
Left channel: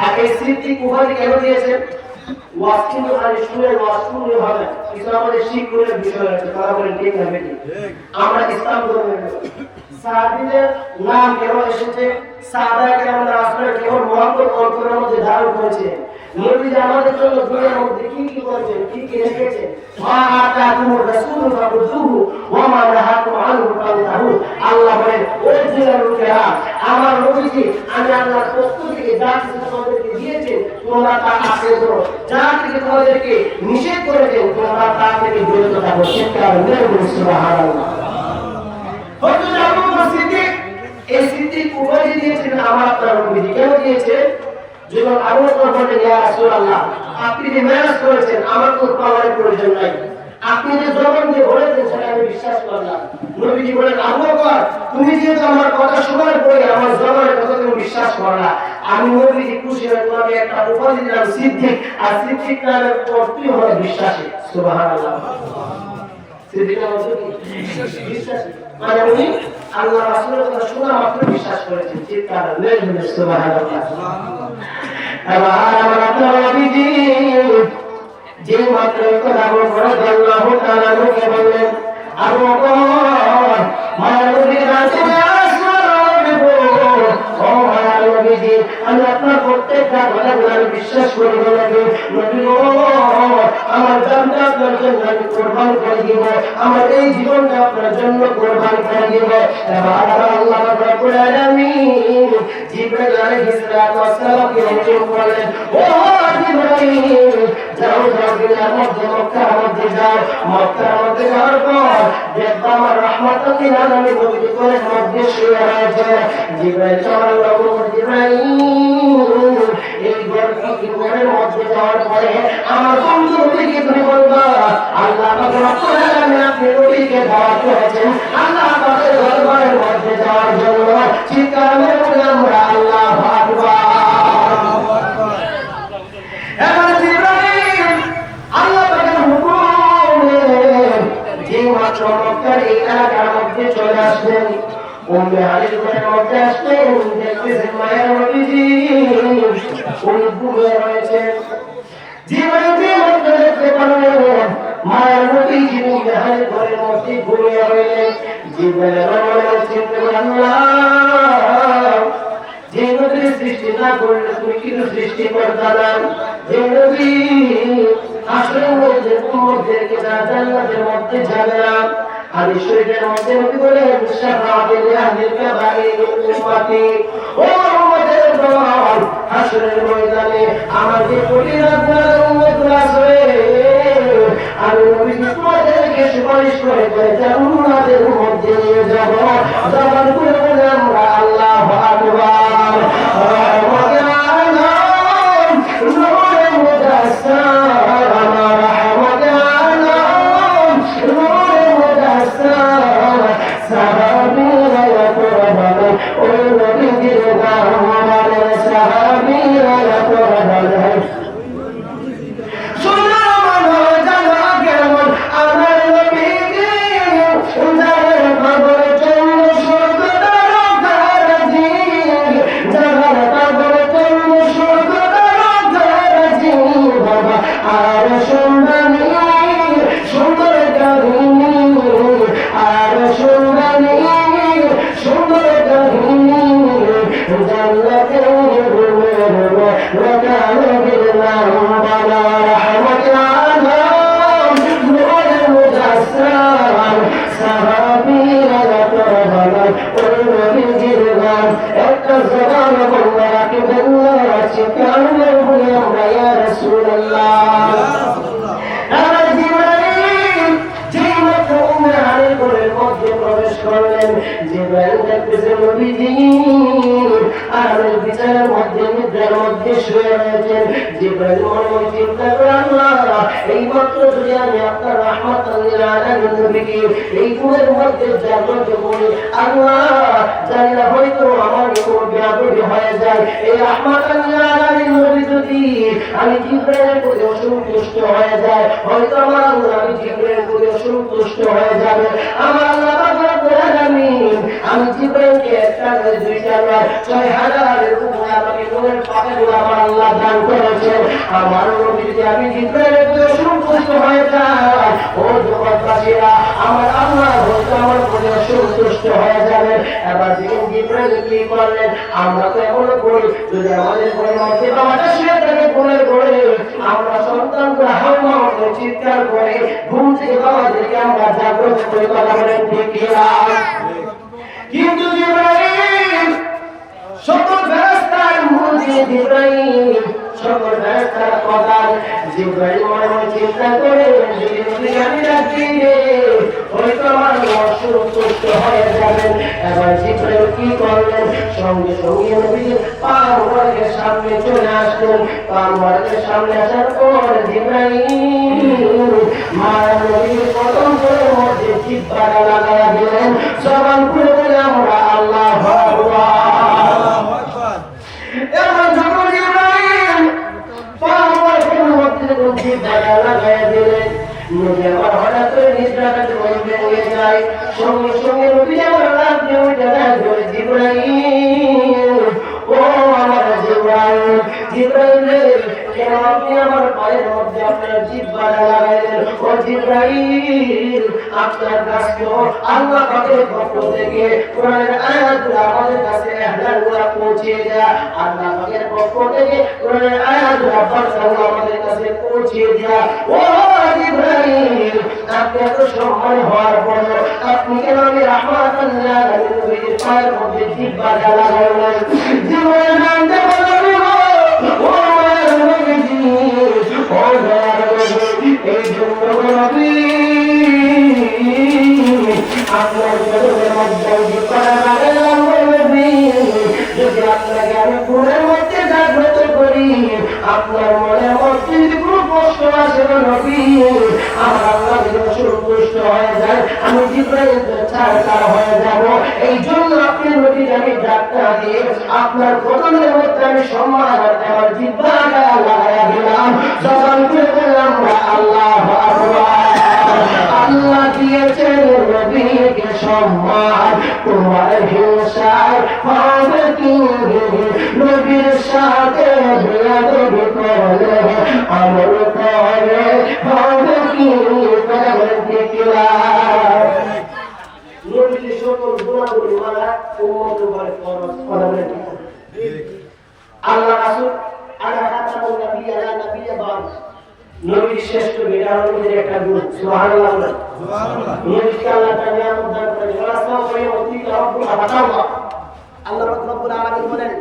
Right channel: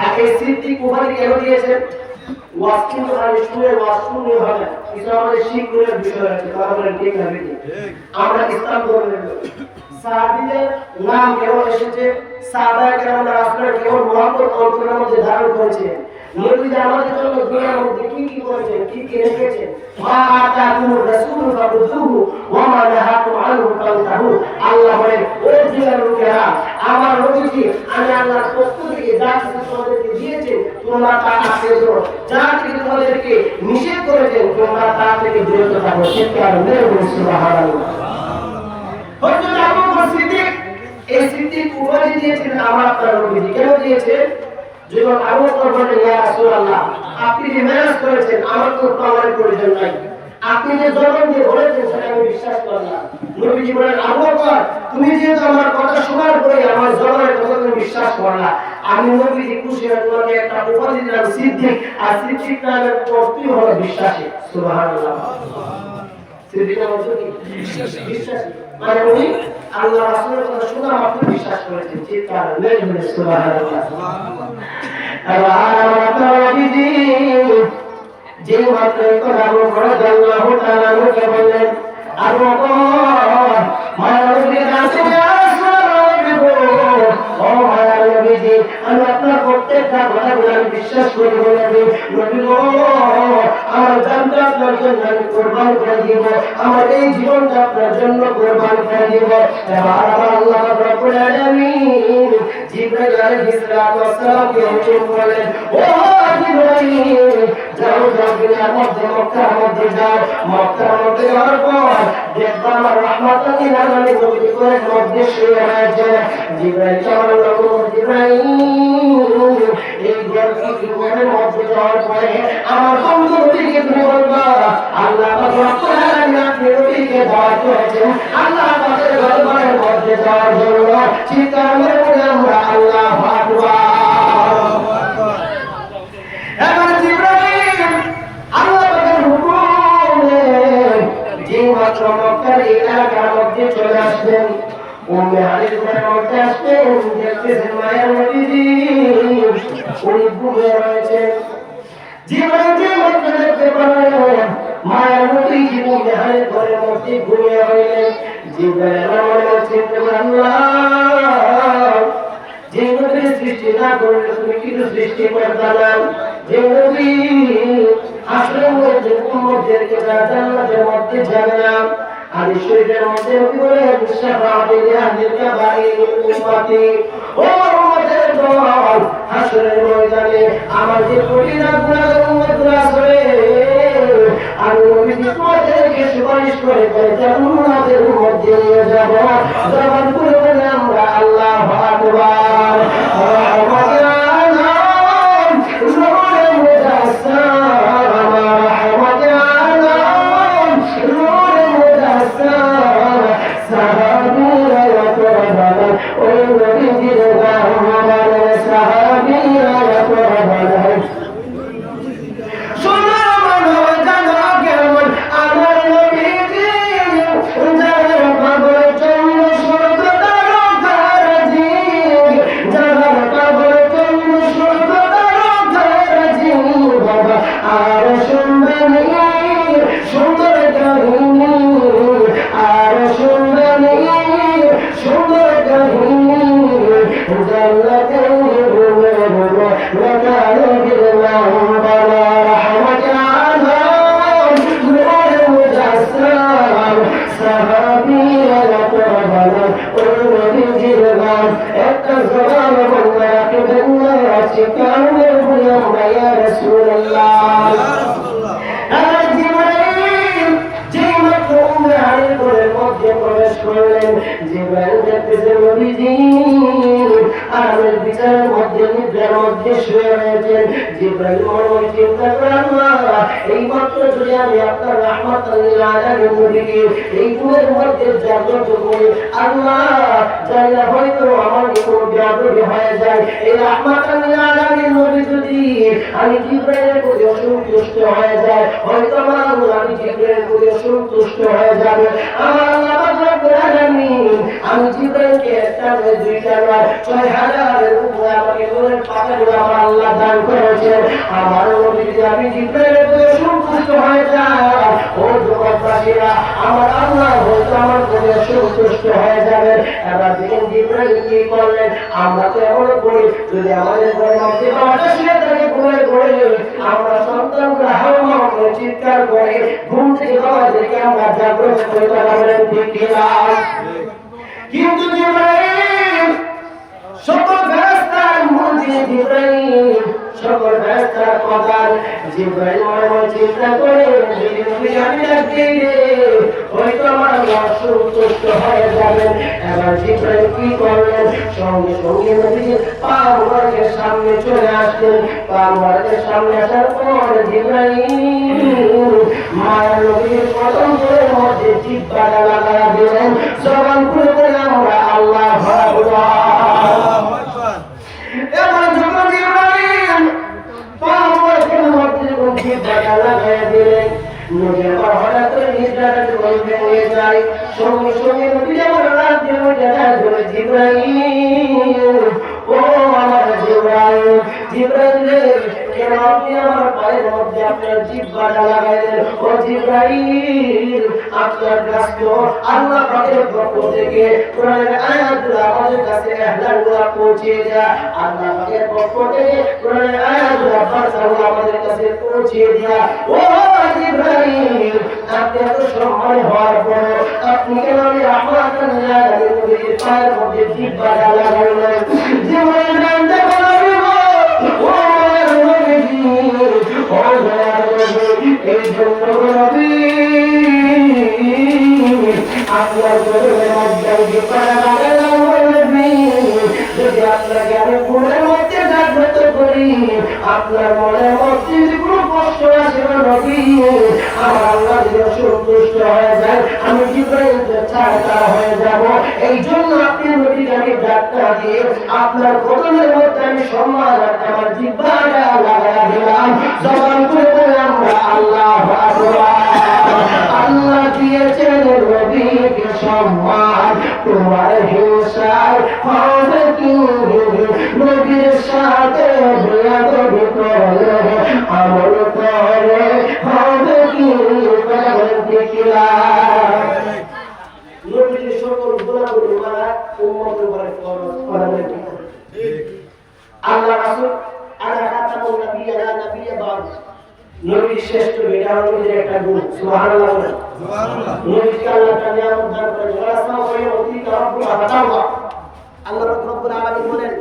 আর এই সিদ্দিক উপাধি কেন দিয়েছেন? ওয়াজ কিন্তু খালি শুনে ওয়াজ শুনে হবে না। কিছু আমাদের শিক্ষণের বিষয় আছে। তারা বলেন ঠিক না বেটি? আমরা ইসলাম ধর্মের লোক। সাহাবীদের নাম কেন এসেছে? সাহাবায়ে কেরামরা রাসূলের কেবল মহব্বত অন্তরের মধ্যে ধারণ করেছে। নবী আমাদের জন্য দুনিয়ার মধ্যে কি কি করেছেন, কি কি রেখেছেন? মা আতাকুমুর রাসূলু ফাখুযুহু ওয়া মা নাহাকুম আনহু ফান্তাহু। আল্লাহ বলেন, ও দুনিয়ার লোকেরা, আমার নবীজি আমি আল্লাহর পক্ষ থেকে যা কিছু তোমাদেরকে দিয়েছেন তোমরা তা আঁকড়ে ধরো, যা কিছু তোমাদেরকে নিষেধ করেছেন তোমরা তা থেকে বিরত থাকো। চিৎকার মেরে বলি সুবহানাল্লাহ। হযরত আবু বকর সিদ্দিক এই সিদ্দিক উপাধি দিয়েছেন আমার আপনার নবীজি। কেন দিয়েছেন? যখন আবু বকর বলেন, ইয়া রাসূলুল্লাহ, আপনি যে মেরাজ করেছেন আমার তো পাওয়ার প্রয়োজন নাই। আপনি যে জবান দিয়ে বলেছেন সেটা আমি বিশ্বাস করলাম। নবীজি বলেন, আবু বকর তুমি যেহেতু আমার কথা শোনার পরে আমার জবানের কথা তুমি বিশ্বাস করলা, আমি নবীজি খুশি হয়ে তোমাকে একটা উপাধি দিলাম সিদ্দিক। আর সিদ্দিক নামের অর্থই হলো বিশ্বাসী। সুবহানাল্লাহ। সিদ্দিক মানে কি? বিশ্বাসী। মানে উনি আল্লাহ রাসূলের কথা শোনা মাত্র বিশ্বাস করেছেন। চিৎকার মেরে বলি সুবহানাল্লাহ। যে মাত্র আবু বকর রাদিয়াল্লাহু তাআলা কে বললেন, আবু বকর মায়া নবী রাসূল ইয়া রাসূলুল্লাহ, ও মায়া নবীজি আমি আপনার প্রত্যেকটা কথা আমি বিশ্বাস করি। নবী আমার জানটা আপনার জন্য আমি কোরবান করে দিব, আমার এই জীবনটা আপনার জন্য কোরবান করে দিব। এবার আল্লাহ রাব্বুল আলামিন জিবরাইল আলাইহিস সালাতু ওয়াস সালামকে হুকুম করলেন, ও জিবরাইল যাও দুনিয়ার মধ্যে মক্কার মধ্যে যাও। মক্কার মধ্যে যাওয়ার পর দেখবা আমার রহমতুল লিল আলামিন নবী করে মধ্যে শুয়ে রয়েছে। জিবরাইল জিবরাইল এই ঘরের মধ্যে যাওয়ার পরে আমার বন্ধু নবীকে তুমি বলবা, আল্লাহ পাক রব্বুল আলামিন আপনি নবীকে দাওয়াত করেছেন আল্লাহ পাকের দরবারের মধ্যে যাওয়ার জন্য। চিৎকার মেরে বলি আমরা আল্লাহু আকবার। এবার জিবরাইল আল্লাহ পাকের হুকুমে যে মাত্র মক্কার এলাকার মধ্যে চলে আসলেন, উম্মে হানিফ ঘরের মধ্যে আসলেন, দেখতেছেন মায়ের নবীজি উনি ঘুমিয়ে রয়েছেন। জিবরাইল যে মাত্র দেখতে পারলেন মায়ের নবীজি উম্মে হানিফ ঘরের মধ্যে ঘুমিয়ে রইলেন, জিবরাইল আমাদের চিন্তা করলেন, যে নবী সৃষ্টি না করলে তুমি কিছু সৃষ্টি করতে নাই, যে নবী হাসরের মধ্যে উম্মতদেরকে জান্নাতের মধ্যে যাবে না, আমি শরীরের মধ্যে নবী বলেন শাফাআতুল আহলিল কাবাইর উম্মতি, ও উম্মতের দল হাসরের ময়দানে আমার যে কঠিনা গুনাহগার উম্মতগুলো আছে আমি নবী তোমাদেরকে সুপারিশ করে জান্নাতের মধ্যে নিয়ে যাব। জবান খুলে বলে আমরা আল্লাহু আকবার। জিবরাইল দেখতেছে নবীজি বিছানার মধ্যে নিদ্রার মধ্যে শুয়ে রয়েছেন। জিবরাইল মনে চিন্তা করে আল্লাহ এই মাত্র যদি আমি আপনার রাহমাতুল লিল আলামিন নবীকে এই ঘুমের মধ্যে জাগ্রত করি, আল্লাহ জানি না হয়তো আমার কোনো বিপদ হয়ে যায়। এই রাহমাতুল লিল আলামিন নবী যদি আমি জিবরাইলের প্রতি অসন্তুষ্ট হয়ে যায়, হয়তো আমার আল্লাহ আমি জিবরাইলের প্রতি অসন্তুষ্ট হয়ে যাবে। আমার আল্লাহ রব্বুল আলামিন আমি জিবরাইলকে একটা নয় দুইটা নয় ৬,০০০-এর উপরে আমাকে নূরের পাতাগুলো আমার আল্লাহ দান করেছেন। আমার নবী যদি আমি জিবরাইলের প্রতি অসন্তুষ্ট হয়ে যাই, ও জগৎবাসীরা আমার আল্লাহ হয়তো আমার প্রতি অসন্তুষ্ট হয়ে যাবে। এবার দেখেন জিবরাইল কি করলেন। আমরা তো এমন করি যদি আমাদের ঘরের মধ্যে বাবাটা শুয়ে থাকে ঘুরে ঘুরে আমরা সন্তানরা হাওয়া করে চিৎকার করে ঘুম থেকে বাবাদেরকে আমরা জাগ্রত করে কথা বলেন ঠিক কিনা? কিন্তু জিবরাইল সকল ফেরেশতার মধ্যে জিবরাইল সকল ফেরেশতার কথা জিবরাইল মনে চিন্তা করে যদি আমি ডাকি হয়তো আমার অসন্তুষ্ট হয়ে যাবেন। এবার জিবরাইল কি করলেন, সঙ্গে সঙ্গে নবীর পা মোবারকের সামনে চলে আসলেন। পা মোবারকের সামনে আসার পর জিবরাইল মায়ের নবীর কদম ধরে মধ্যে জিহ্বাটা লাগায়া দিলেন। জবান খুলে বলে আমরা আল্লাহু আকবার। এমন যখন জিবরাইল পা মোবারকের মধ্যে জিহ্বাটা লাগায়া দিলেন, নবী আমার হঠাৎ করে নিদ্রাটা ভেঙে নিয়ে যায়। সঙ্গে সঙ্গে নবী আমার রাত দিয়ে উঠে যায় জিবরাইল, ও আমার জিবরাইল, জিবরাইল কেন আপনি আমার পায়ের মধ্যে আপনার জিহ্বাটা লাগাইলেন? ও জিবরাইল আপনার কাছে আল্লাহ পাকের পক্ষ থেকে কোরআনের আয়াতগুলো আমাদের কাছে এহলালগুলো পৌঁছে দেয়া। আল্লাহ পাকের পক্ষ থেকে কোরআনের আয়াতগুলো আমাদের কাছে পৌঁছে দেয়া। ও জিবরাইল আপনি এত সম্মান হওয়ার পর আপনি কেন আমি রাহমাতুল লিল আলামিন নবীর পায়ের মধ্যে জিহ্বাটা লাগাইলেন? জিবরাইল জানতে পারবে ও আমার নবীজি, ও দয়ার নবী, এই জন্য নবী আপনার ঘরের মধ্যে জিহ্বাটা লাগাইলাম নবী। যদি আপনাকে আমি ঘরের মধ্যে জাগ্রত করি, আপনার মনের মধ্যে যদি কোনো কষ্ট আসে নবী, আমার আল্লাহ যেন সন্তুষ্ট হয়ে যায়, আমি জিবরাইলের ছাড়া হয়ে যাব। এই জন্য আপনি নবী জানি ডাক্তার দিয়ে আপনার কদমের মধ্যে আমি সম্মান আমার জিহ্বাটা লাগাইয়া দিলাম। জবান খুলে বলে আমরা আল্লাহু আকবার। আল্লাহ দিয়েছেন নবীকে সম্মান, তোমার হিংসায় হবে কি? নবীর সাথে বেয়াদবি করলে আমল করে হবে কি? নবীর সকল গুণাবলী মানা উম্মত উপরে ফরজ করা ঠিক। আল্লাহ রাসূল আলা খাতামুন নবিয়্যিনা নবিয়্য বাদ নবীর শ্রেষ্ঠ বেটা নবীর একটা গুণ সুবহানাল্লাহ সুবহানাল্লাহ। নবীকে আল্লাহ তাআলা নিয়ামত দান করেছেন। ওয়াসা ওয়া উতি রব্বুল আলামিন, আল্লাহ রব্বুল আলামিন বলেন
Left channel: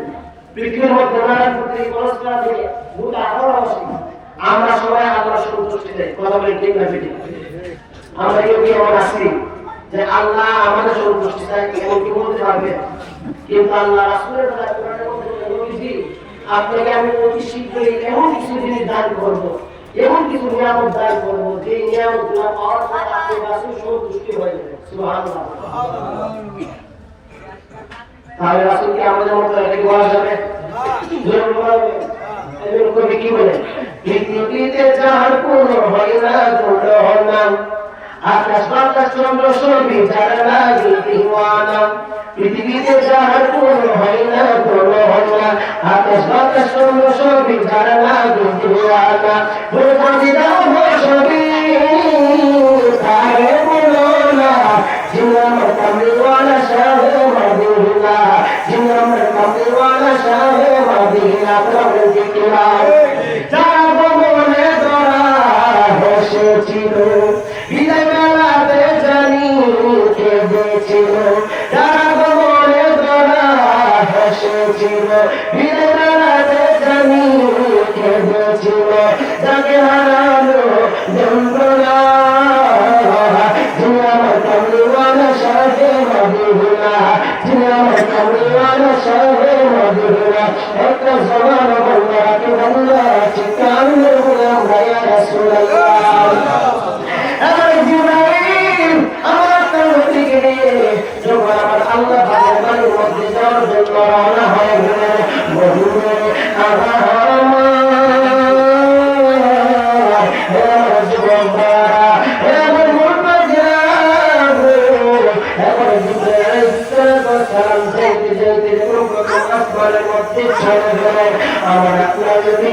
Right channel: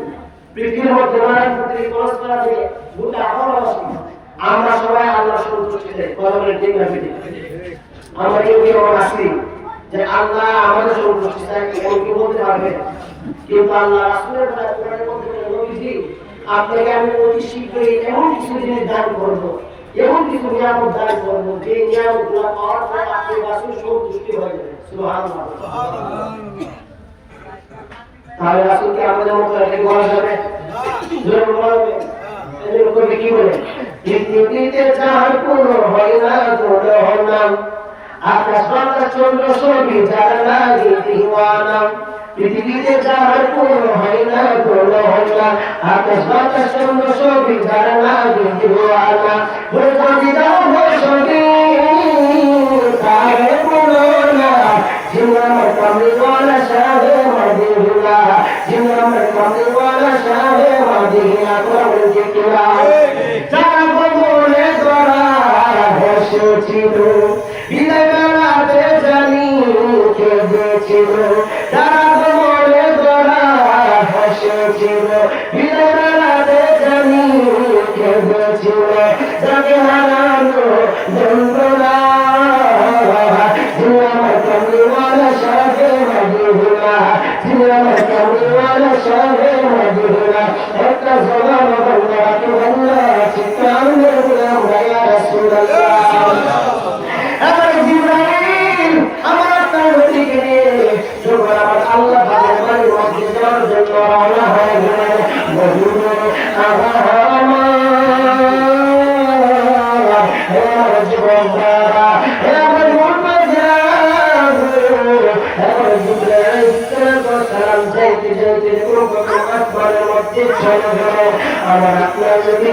পৃথিবীর মধ্যে পৃথিবী পরস্পর থেকে গোটা আকাশ আমরা সবাই আল্লাহর সন্তুষ্টি চাই। কথা বলে ঠিক না ঠিক? আমরা কেউ কেউ আছি যে আল্লাহ আমাদের সন্তুষ্টি চাই, কেউ কি বলতে পারবে? কিন্তু আল্লাহ রাসূলের কথা কোরআনের মধ্যে নবীজি আপনাকে আমি অতি শীঘ্রই এমন কিছু জিনিস দান করবো, এমন কিছু নিয়ামত দান করবো যে নিয়ামতগুলো পাওয়ার পর আপনি রাসূল সন্তুষ্টি হয়ে যাবেন। সুবহানাল্লাহ। তাহলে রাসূলকে আমাদের মতো একটা বলা যাবে? জোর বলা যাবে? এদের কবি কি বলে? পৃথিবীতে যার কোনো হয় না দুর্ঘটনা, আকাশ বাতাস চন্দ্র সবই যারা লাগে দিওয়ানা। পৃথিবীতে যার কোনো হয় না দুর্ঘটনা, আকাশ বাতাস চন্দ্র সবই যারা লাগে দিওয়ানা। বলে কাঁদি দাও সবই তারে বলো না, জিন্নার কামলিওয়ালা শাহে মদিনা, জিন্নার কামলিওয়ালা শাহে মদিনা। প্রভু জিকিরা টাকা বলে দোড়া হেসেছিল, বিদায় বেলাতে জানি কেঁদেছিল। টাকা বলে দোড়া হেসেছিল, বিদায় বেলাতে জানি কেঁদেছিল। যাকে হারানো যন্ত্রণা, জিন্নার কামলিওয়ালা শাহে মদিনা, জিন্নার কামলিওয়ালা শাহে মদিনা। মধ্যে যাওয়ার জন্য রওনা হয়ে গেলেন। মদিনা আমার জীবনধারা আমার মন আমার আপনার যদি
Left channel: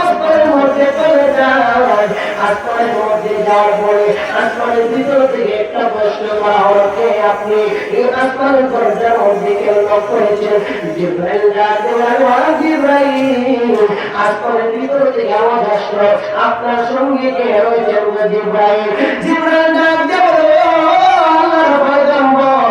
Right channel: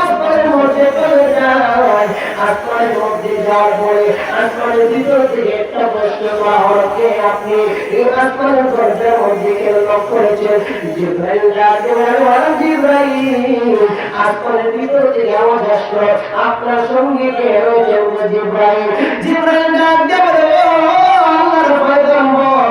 আসমানের মধ্যে চলে যায়, আসমানের মধ্যে যাওয়ার পরে আসমানের ভিতর থেকে একটা প্রশ্ন করা হচ্ছে, আপনি এই আসমানের দরজার মধ্যে কেন লক করেছেন? জিবরাইল জিবরাইল আসমানের ভিতর থেকে আওয়াজ আসলো, আপনার সঙ্গে কে রয়েছেন? জিবরাইল জিবরাইল ডাক দিয়ে বলে, আল্লাহর পয়গম্বর,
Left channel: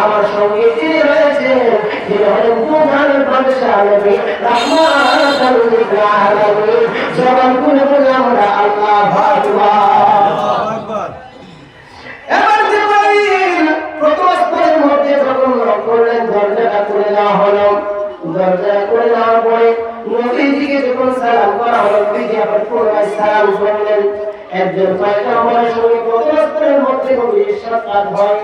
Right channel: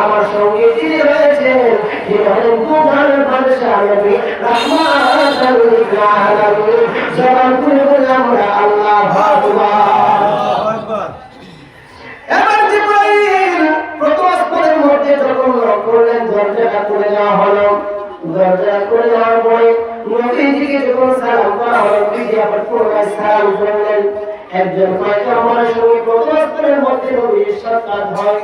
আমার সঙ্গে যিনি রয়েছেন তিনি হলেন প্রধানের বাদশাহ নবী রাহমাতুল লিল আলামিন। জবান খুলে বলে আমরা আল্লাহু আকবার। এবার জিবরাইল প্রথম আসমানের মধ্যে যখন লক করলেন, দরজাটা খুলে দেওয়া হলো। দরজা খুলে দেওয়ার পরে নবীজিকে যখন সালাম করা হলো, নবীজি আবার পুনরায় সালাম করলেন। একজন পয়গম্বরের সঙ্গে প্রথম আসমানের মধ্যে নবীর সাক্ষাৎ হয়।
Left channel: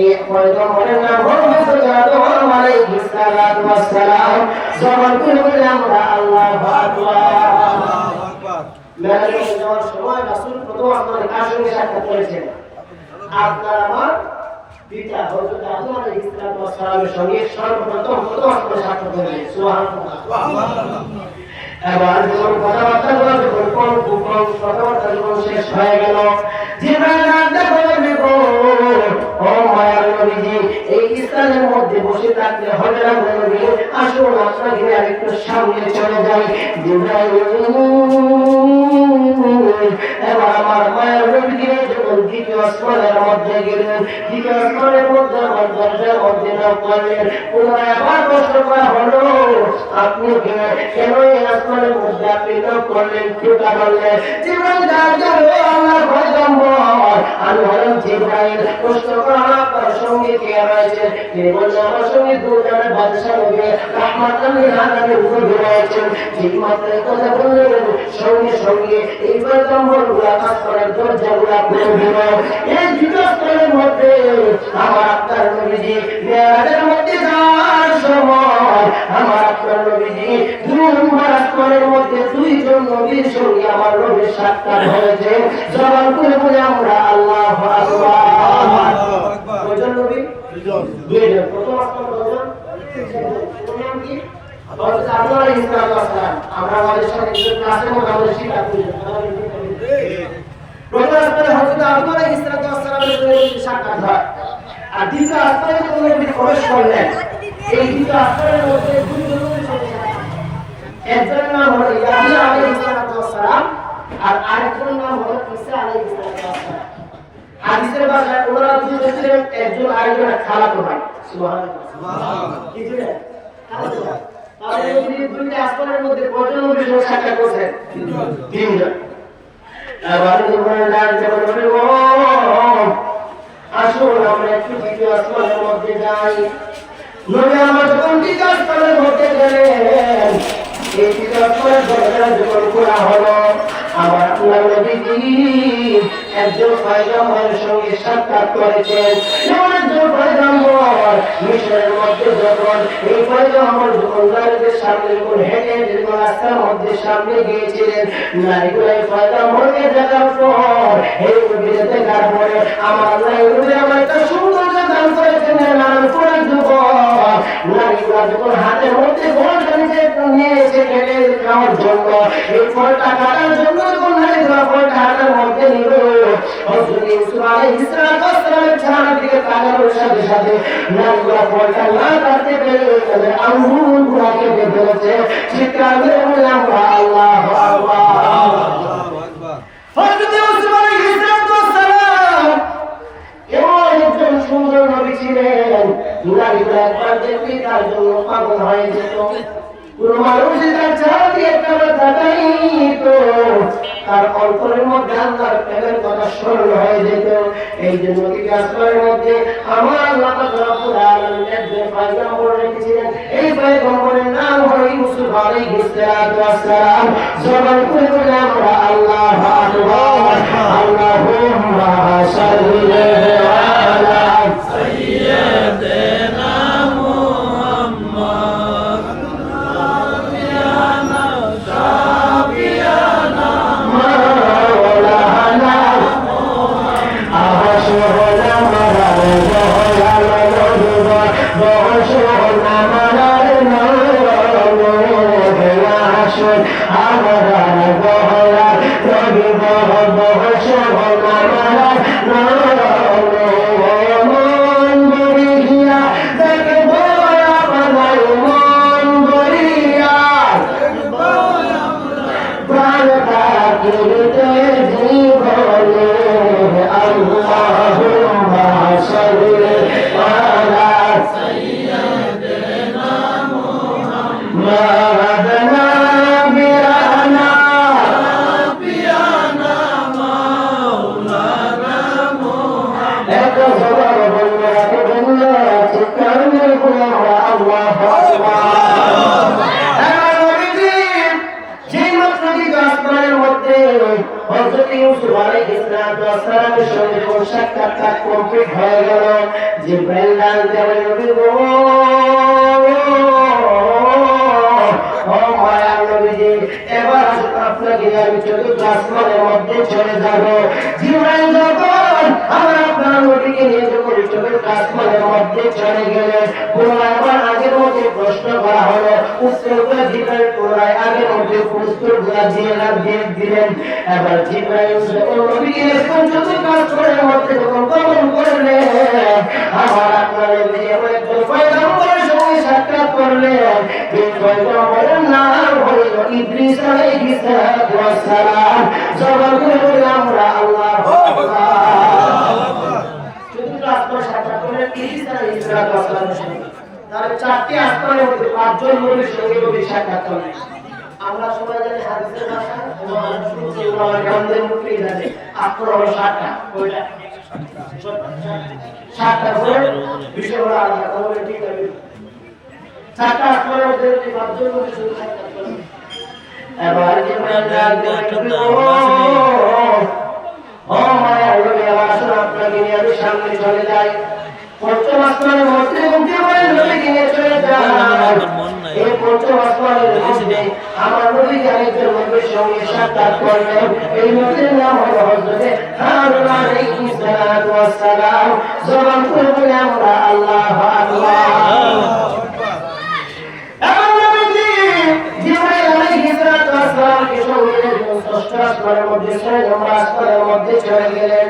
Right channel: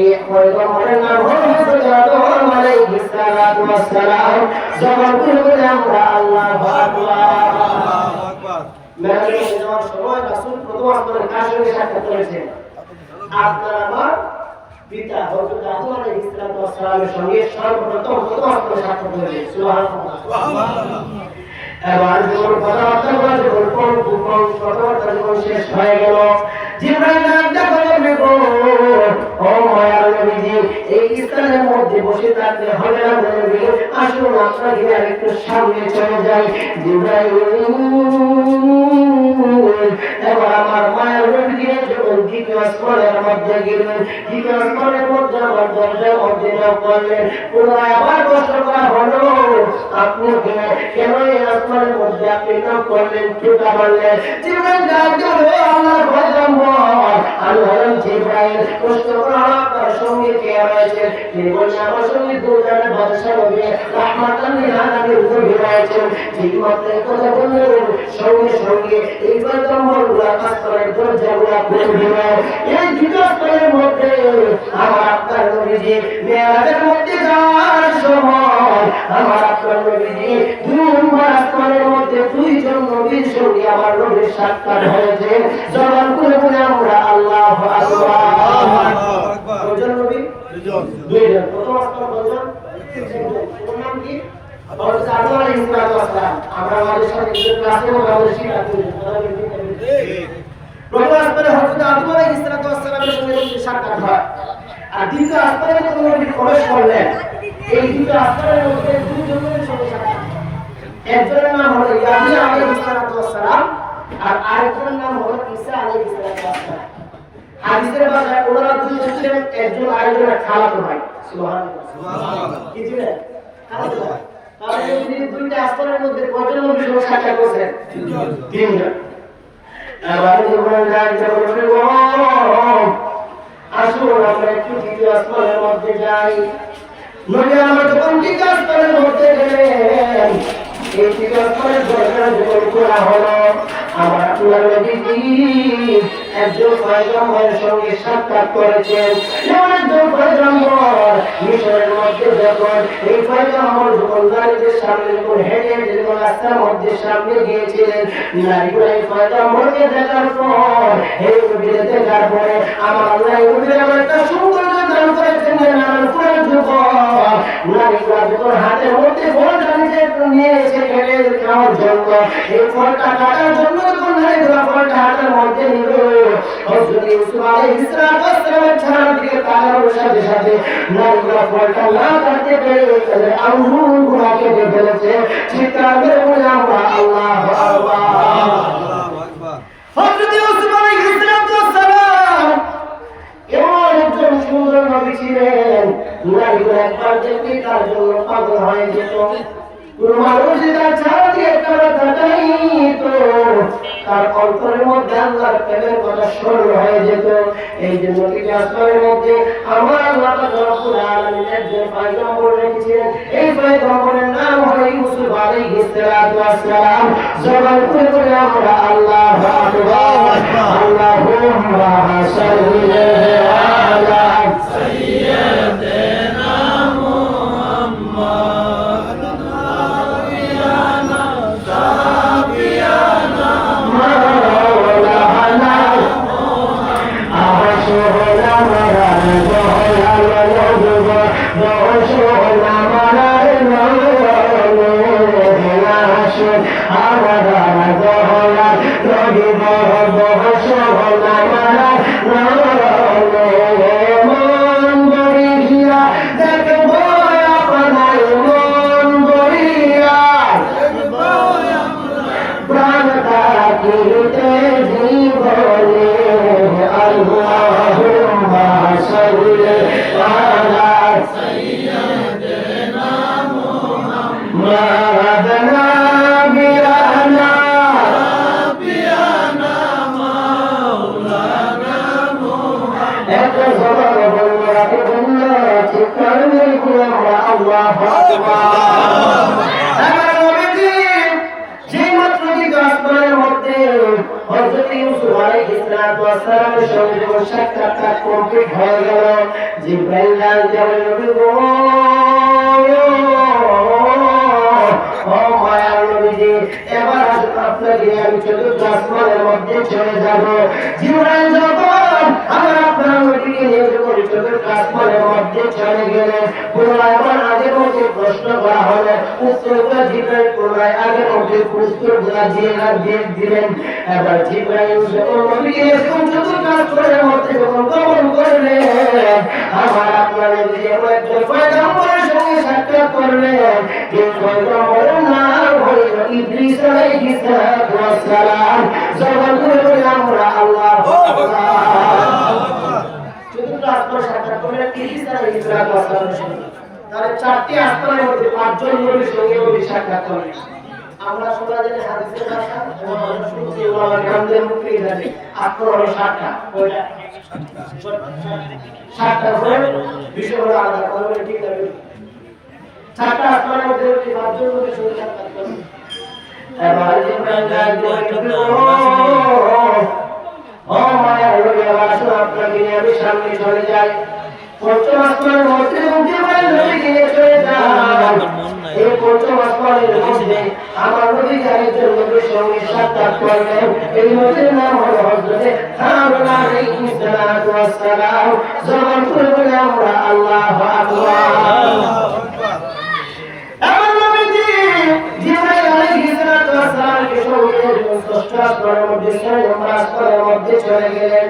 এই পয়গম্বরের নাম হযরত আদম আলাইহিস সালাতু ওয়াস সালাম। যখন বলে আমরা আল্লাহু আকবার। মেরাজে যাওয়ার সময় রাসূল প্রথম আসমানের কার সঙ্গে সাক্ষাৎ করেছেন? আপনার আমার পিতা হযরত আদম আলাইহিস সালাতু ওয়াস সালামের সঙ্গে সর্বপ্রথম প্রথম আসমানে সাক্ষাৎ করেছেন। সুবহানাল্লাহ। এবার যখন কথাবার্তা শেষ হয়ে গেল, জিবরাইল ও মায়ার নবীজি, এই স্থানের মধ্যে বসে থাকতে হবে না নবী, আসুন আপনাকে আর একটু সামনে চলে যাই। জিবরাইল এবার আমার মায়ার নবীজি যখন দ্বিতীয় আসমানের মধ্যে গেলেন, দ্বিতীয় আসমানের মধ্যে আমার দরজার মধ্যে নক করলেন। পুনরায় আবার প্রশ্ন করা হলো, আপনি কেন এই আসমানের মধ্যে আপনি নক করলেন? কেটা বললেন? জিবরাইল ডাক দিল, আল্লাহর পয়গম্বর, আমি হলাম জিবরাইল। প্রশ্ন করা আপনার সঙ্গে কে রয়েছে? তিনি বললেন, আমার সঙ্গে দুজানের বাদশা নবী রাহমাতুল লিল আলামিন রয়েছেন। ঠিক মাত্র কথা বললেন, সঙ্গে সঙ্গে এই পয়গম্বরগুলো আসমানের দরজাগুলো খুলে দিল। এই দুটো আসমানের মধ্যে আমার আপনার নবীজি মেরাজের মধ্যে যাওয়ার সময় আমার আপনার নবীজি 2 নম্বর আসমানের মধ্যে 2 জন নবীর সঙ্গে আমার নবীর সাক্ষাৎ হয়েছে। জবান খুলে বলে আমরা আল্লাহু আকবার। কয়জন নবী? 2 জন। প্রথম আসমান কয়জন? 3 জন। প্রথম নাম কি? হযরত আদম আলাইহিস সালাম। আমরা আমাদের সাথে ক্লাসে আমাদের শিক্ষা করেছি। প্রথম আসমানে হযরত আদম আলাইহিস সালামের সঙ্গে সাক্ষাৎ হয়। আর দ্বিতীয় আসমানে যখন নবী প্রবেশ করলেন, এই দ্বিতীয় আসমানের মধ্যে 2 জনের সঙ্গে সাক্ষাৎ। একজনের নাম হলো ইয়াহইয়া আলাইহিস সালাম আর আরেকজনের নাম হলো ঈসা আলাইহিস সালাম। হাদিসের ভাষায় ওনারা 2 জন ছিলেন, একজন আরেকজনের খালাতো ভাই। সুবহানাল্লাহ। সুবহানাল্লাহ। কি ছিলেন? খালাতো ভাই। তাহলে এই 2টা আসমানের মধ্যে কয়জন নবীর সঙ্গে সাক্ষাৎ করেছেন? 3 জন। এবার আসুন আমরা একটু দ্বিতীয় আসমানের মধ্যে যাই। নবী আমার যখন দ্বিতীয় আসমানের মধ্যে গেলেন, এই দ্বিতীয় আসমানের দরজা যখন খোলা হলো, আমার আপনার নবীজি একজন পয়গম্বরের সঙ্গে সাক্ষাৎ করেছেন। এমন একজন পয়গম্বর মিশরের মধ্যে যখন এই পয়গম্বর যখন নারীদের সামনে যখন হেঁটে হেঁটে যখন রাস্তার মধ্যে সামনে গিয়েছিলেন, নারীগুলো এই পয়গম্বরকে দেখার পর এই নবীকে দেখার পরে আমার আল্লাহ এই নবীর আমার একটা সৌন্দর্য দান করেছেন। নানান পুরান যুবক নারীগুলো যখন হাতের মধ্যে ফলটা নিয়ে এসে খেলে খাওয়ার জন্য, এই ফলটা কাটার জন্য যখন নারীগুলো ফলটা হাতের মধ্যে নিল, হযরত ইউসুফ আলাইহিস সালামের ছাড়ার দিকে তাকানোর সাথে সাথে নারীগুলো ফলটা না কাটতে পেরে আঙ্গুরগুলো কেটে ফেলেছে। চিৎকার করে বলে আমরা আল্লাহু আকবার। হযরত ইউসুফ আলাইহিস সালাম এমন একজন সুন্দর নবী ছিলেন, নারীগুলো একবার দেখতে তার জন্য পাগল হয়ে যেত। কোন মানুষ তার ছাড়া দিয়ে তারা তাকাইত, তার অন্তরের মধ্যে আল্লাহর প্রেমের কথা স্মরণ হয়ে যেত। এই জন্য দ্বিতীয় আসমানের মধ্যে আমার আল্লাহ রাব্বুল আলামিন একজন পয়গম্বর রেখেছিলেন। এই পয়গম্বরের নাম হলো ইউসুফ আলাইহিস সালাম। জবান খুলে বলে আমরা আল্লাহু আকবার। আল্লাহুম্মা সাল্লি আলা সাইয়্যিদিনা বহস নামার আসুন আমার বহলা রহিব বহস নামার মন বলিয়া দেখব আপনার মন বলিয়া প্রাণ কাটিতে জীবনে আল্লাহুম্মা সাল্লি আলা সাইয়্যিদিনা মুহাম্মদ নাবিয়ানা মাওলানা মুহাম্মদ এক জবান বললে চিৎকার করে আল্লাহু আকবার। আসমানের মধ্যে হযরত ইউসুফ আলাইহিস সালামের সঙ্গে যখন সাক্ষাৎকার কমপ্লিট হয়ে গেল, জিবরাইল বললেন নবী গো ও মায়ার নবীজি, এবার আপনাকে আমি চতুর্থ আসমানের মধ্যে চলে যাব। জিবরাইল যখন আমার আপনার নবীকে নিয়ে যখন চতুর্থ আসমানের মধ্যে চলে গেলেন, পুনরায় আগের মধ্যে প্রশ্ন করা হলো, উত্তরটা জিবরাইল পুনরায় আগের মধ্যে উত্তরগুলা দিয়ে দিলেন। এবার জিবরাইল নবীকে যখন চতুর্থ আসমানের মধ্যে যখন গমন করলেন, আমার আপনার নবী একজন পয়গম্বরের সঙ্গে সাক্ষাৎ করলেন। এই পয়গম্বরের নাম হইল ইদ্রিস আলাইহিস সালাম। জবান করে বলি আমরা আল্লাহু আকবার। চতুর্থ আসমান সাক্ষাৎ করলেন ইদ্রিস আলাইহিস সালামের সঙ্গে। তার চারটি আসমানের মধ্যে পাঁচজন নবীর সঙ্গে নবী সাক্ষাৎ করলেন। আমরা সবাই জানি হাদিসের ভাষা এবং আমরা শুনছি আমাদের মুখে জানি আসমান হলো 7টা। কয়টা? 7টা করে বিষয়গুলো আলাদা কথা বলে ঠিক না? 7টা আসমানের মধ্যে পাঁচজন নবীর সঙ্গে সাক্ষাৎ করলেন। এবার ও মায়া নবী আসুন আপনাকে নিয়ে আমি সামনে চলে যাই। পঞ্চম আসমানের মধ্যে নবীকে নিয়ে চলে যাই। এই পঞ্চম আসমানের মধ্যে আমার নবী একজন নবীর সঙ্গে সাক্ষাৎ করলেন। এই নবীর নাম হলো হযরত হারুন আলাইহিস সালাম। জবান করে বলে আমরা আল্লাহু আকবার। এমন নবীজি জিবরাইল আলাইহিস সালামকে সঙ্গে ষষ্ঠ আসমানের মধ্যে নম্বর আসমানের মধ্যে চলে গেলেন।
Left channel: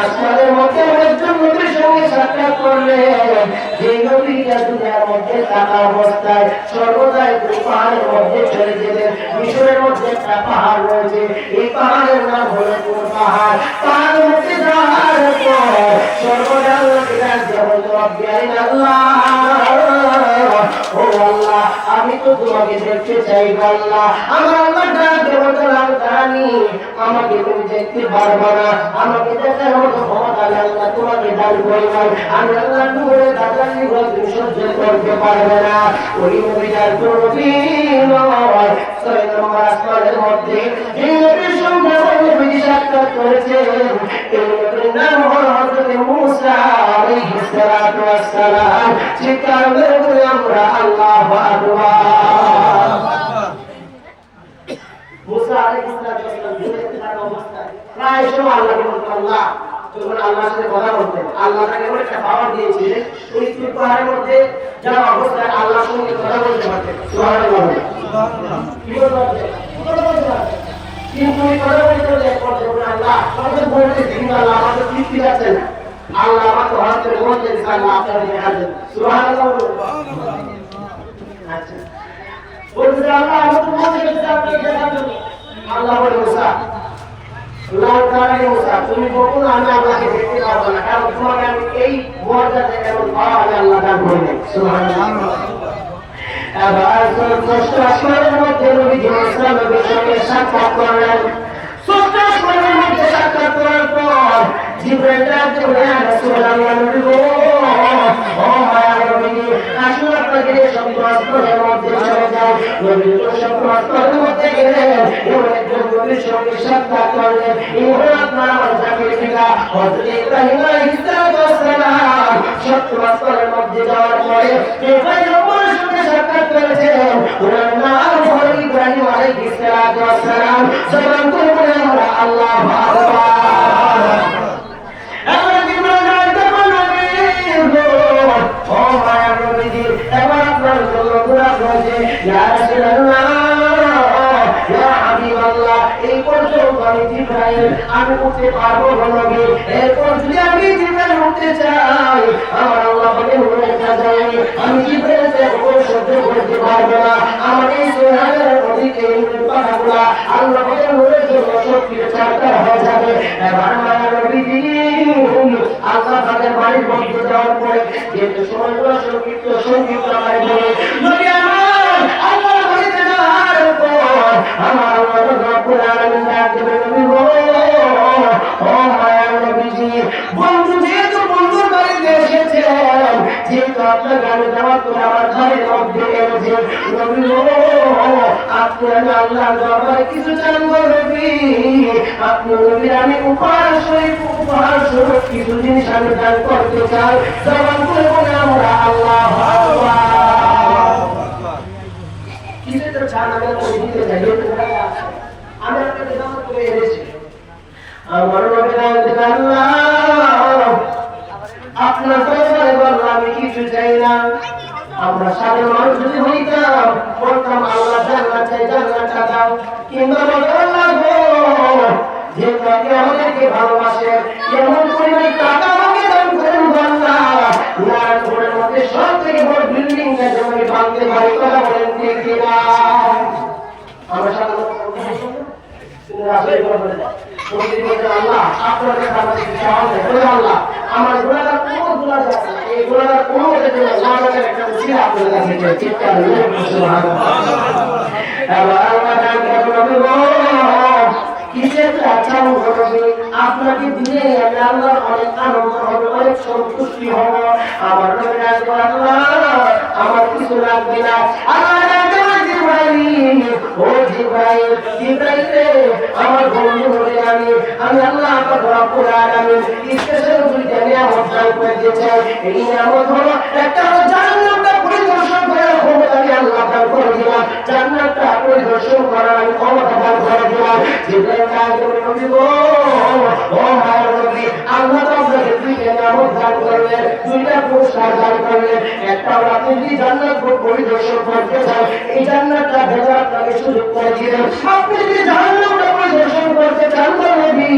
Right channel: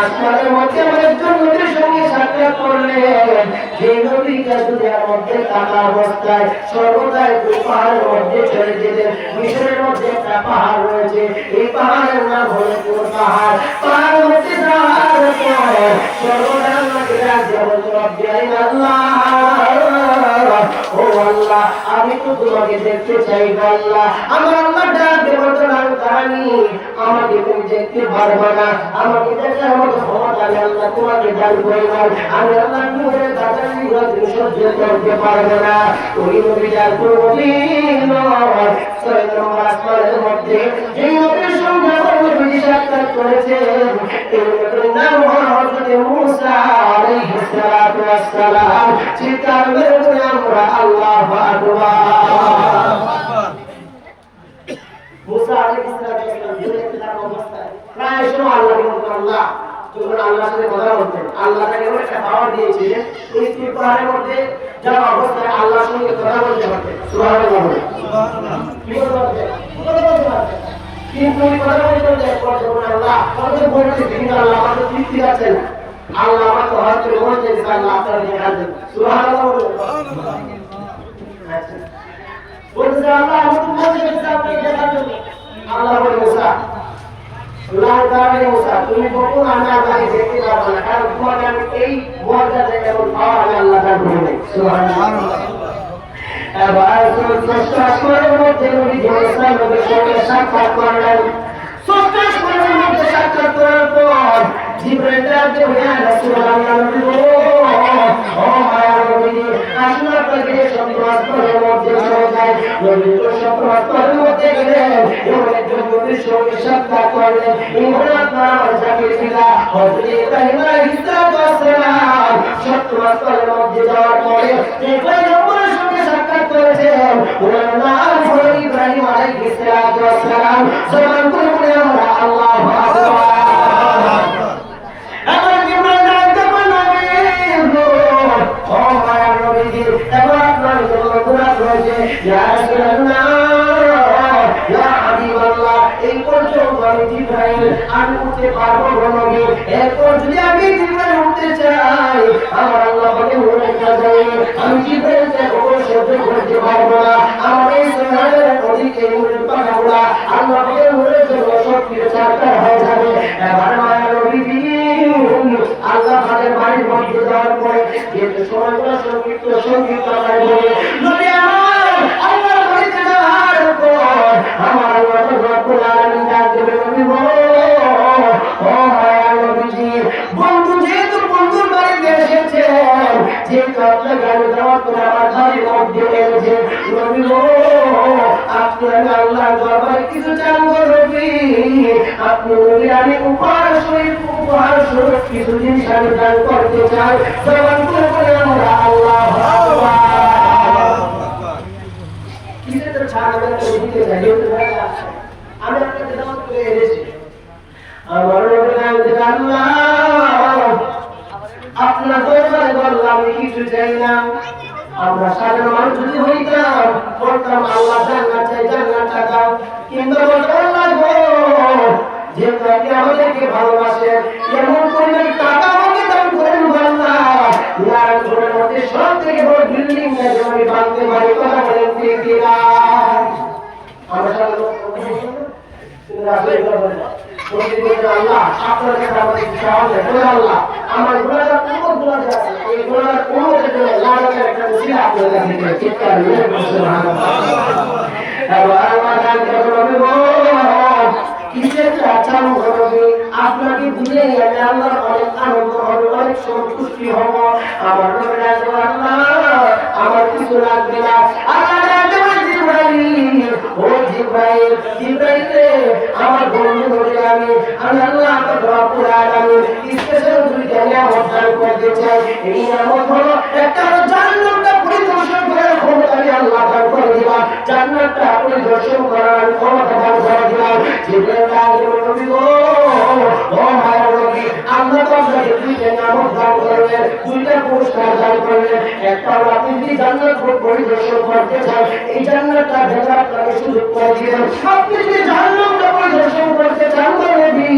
আসমানের মধ্যে একজন নবীর সঙ্গে সাক্ষাৎ করলেন। যে নবীকে দুনিয়ার মধ্যে থাকা অবস্থায় সর্বদা একটি পাহাড়ের মধ্যে চলে যেতেন। মিশরের মধ্যে একটা পাহাড় রয়েছে, এই পাহাড়ের নাম হলো কোন পাহাড়। পাহাড়ের মধ্যে যাওয়ার পর সর্বদা ও আল্লাহ, আমি তো তোমাকে দেখতে চাই আল্লাহ। আমার আল্লাহ ডাক বলতে জানি আমাকে তুমি দেখতে পারবে না, আমাকে দেখার মতো ক্ষমতা আমি আল্লাহ তোমাকে দান করব। আমি আল্লাহ তোমাকে দেখার তুমি সহ্য করতে পারবে না। ওই নবীর নবী নয় 6 নম্বর আসমানের মধ্যে এই নবীর সঙ্গে নবী সাক্ষাৎ করেছেন। এই নবীর নাম হলো হযরত মুসা আলাইহিস সালাম। চিৎকার করে বলে আমরা আল্লাহু আকবার। মুসা আলাইহিস সালাম দুনিয়ার অবস্থায় প্রায় সময় আল্লাহ বলতেন, আল্লাহ যখন আল্লাহর সাথে কথা বলতেন, আল্লাহ তাকে এমন একটা পাওয়ার দিয়েছিলেন, ওই পাহাড়ের মধ্যে যাওয়া অবস্থায় আল্লাহর সঙ্গে কথা বলতে পারতেন। সুবহানাল্লাহ। কি বলতে পারতেন? কথা বলতে পারতেন। কিন্তু এই কথা বলতে বলতে আল্লাহ আমাকে বলতে দিন, আল্লাহ আমাকে তৃপ্তি দিচ্ছেন না। আল্লাহ আমাকে হয়তো বলতেন আল্লাহ আপনাকে দেখাবেন। সুবহানাল্লাহ। আচ্ছা বলতে আল্লাহ আমাকে বলতে আপনাকে দেখাবেন। আল্লাহ বলে মুসা আল্লাহ তাআলা মুসা তুমি কখনো আমি আল্লাহকে দেখতে পারবে না, কারণ তোমার আমি এই মর্যাদা এবং পাওয়ার আল্লাহ দান করবেন। সুবহানাল্লাহ। এবার ষষ্ঠ আসমানের মধ্যে নবী মুসা নবীর সঙ্গে সাক্ষাৎ করলেন। ষষ্ঠ আসমানের মধ্যে সাক্ষাৎ করার পর জিবরাইল ডাকতে বললেন, রাসূলুল্লাহ নবী ও মায়া নবী আসুন আপনাকে সপ্তম আসমানের মধ্যে চলে যাই। নবী সপ্তম আসমানের মধ্যে গেলেন, এবার একজন নবীর সঙ্গে সাক্ষাৎ করলেন। এই হলো আপনার আমার জাতির পিতা হযরত ইব্রাহিম আলাইহিস সালাম। সপ্তম আসমানের মধ্যে যাওয়ার পরে যে পয়গম্বরের সঙ্গে সাক্ষাৎ করেছেন, ওনার নাম হলো ইব্রাহিম আলাইহিস সালাম। জবান করে বলে আমরা আল্লাহু আকবার। উঠতে পারবো নবী। এরপর যদি আমি জিব্রাইল উঠতে চাই, আমার আল্লাহ পাকের নূরের কারণে আমি জিব্রাইলের উপর সহ্য করতে পারবো না। আমার এই সুবহানের অধিক এই নূরের পাখাগুলা আল্লাহ পাকের নূরের জন্য সব কিছু ছাড়তে হয়ে যাবে। এবার মায়ের নবীজি আল্লাহ পাকের বাড়ির মধ্যে যাওয়ার পরে যেহেতু সময়গুলো সঙ্গীত নবী আমার আল্লাহর বাড়িতে যাওয়ার পর আমার আল্লাহ রব্বুল আলামিন ডাক দেবে, নবী গো, ও মায়ের নবীজি, বন্ধু যেহেতু বন্ধুর বাড়িতে এসেছেন, যেহেতু আপনার গাড়ি দাওয়াত করে আমার বাড়ির মধ্যে এনেছে, নবী গো, আপনি আমি আল্লাহর দরবারে কিছু চাইবো নবী। আপনি নবী আমি উপহার স্বরূপ কিছু জিনিস আমি দান করতে চাই। জবান খুলে বলে আমরা আল্লাহু আকবার। কিসে তো চান আমি তো দিতে চাই, আমি আপনাকে দাওয়াত করে এনেছি। আমার নবী আল্লাহ আপনার দরবারে বললাম আমি কিছু চাই না। আমরা সাধারণ মানুষ যদি হইতাম বলতাম আল্লাহ জান্নাত চাই, জান্নাতটা দাও। কিন্তু আল্লাহ গো, যেহেতু আপনি আমাদেরকে ভালোবাসেন, এমন পরিমাণ টাকা আমাকে দান করেন আল্লাহ, নারায়ণপুরের মধ্যে সব থেকে বড় বিল্ডিং আমি বাঁধতে পারি। কথা বলেন ঠিক কিনা? আমরা সাধারণ আল্লাহ আপনার কাছে আমাদের চাওয়া বলে আল্লাহ আমার গুনাহগার গুনাহগার এই গুনাহগার উম্মতের জন্য লাগাতার একটা উসিলা আপনার কাছে চিৎকার করে সুবহানাল্লাহ। এবার আল্লাহ জানতে বলবো কিসের চাচাও হবে আপনাকে দিলে আমি আল্লাহর অনেক আনন্দ হবে, অনেক সন্তুষ্টি হব। আমার নবী আল্লাহ আমার কিছু লাগবে না। আল্লাহ জানতে বলে জিবরাইল, ও জিবরাইল, জিবরাইল রে আমার বন্ধু বলে আমি আল্লাহ আপনার রব্বুল আলামিন স্পেশাল দুইটা নিয়ামত দান করতে চাই। এই নিয়ামত হলো একটা হলো জান্নাতটা পরিদর্শন করার ক্ষমতা আমি আল্লাহ দান করে দিলাম, জান্নাতটা পরিদর্শন করার আমি ক্ষমতা দান করে দিলাম। জিবরাইল কাজে নবী গো, ও মায়ের নবী, আল্লাহ তো আপনাকে দুইটা নিয়ামত দান করলেন, দুইটা পুরস্কার দান করলেন। একটা হলো আপনি যদি জান্নাত পরিদর্শন করতে চান, এই জান্নাতটা দেখার আপনাকে সুযোগ করে দিলেন। আপনি যদি জান্নাতটা পরিদর্শন করতে চান নবী,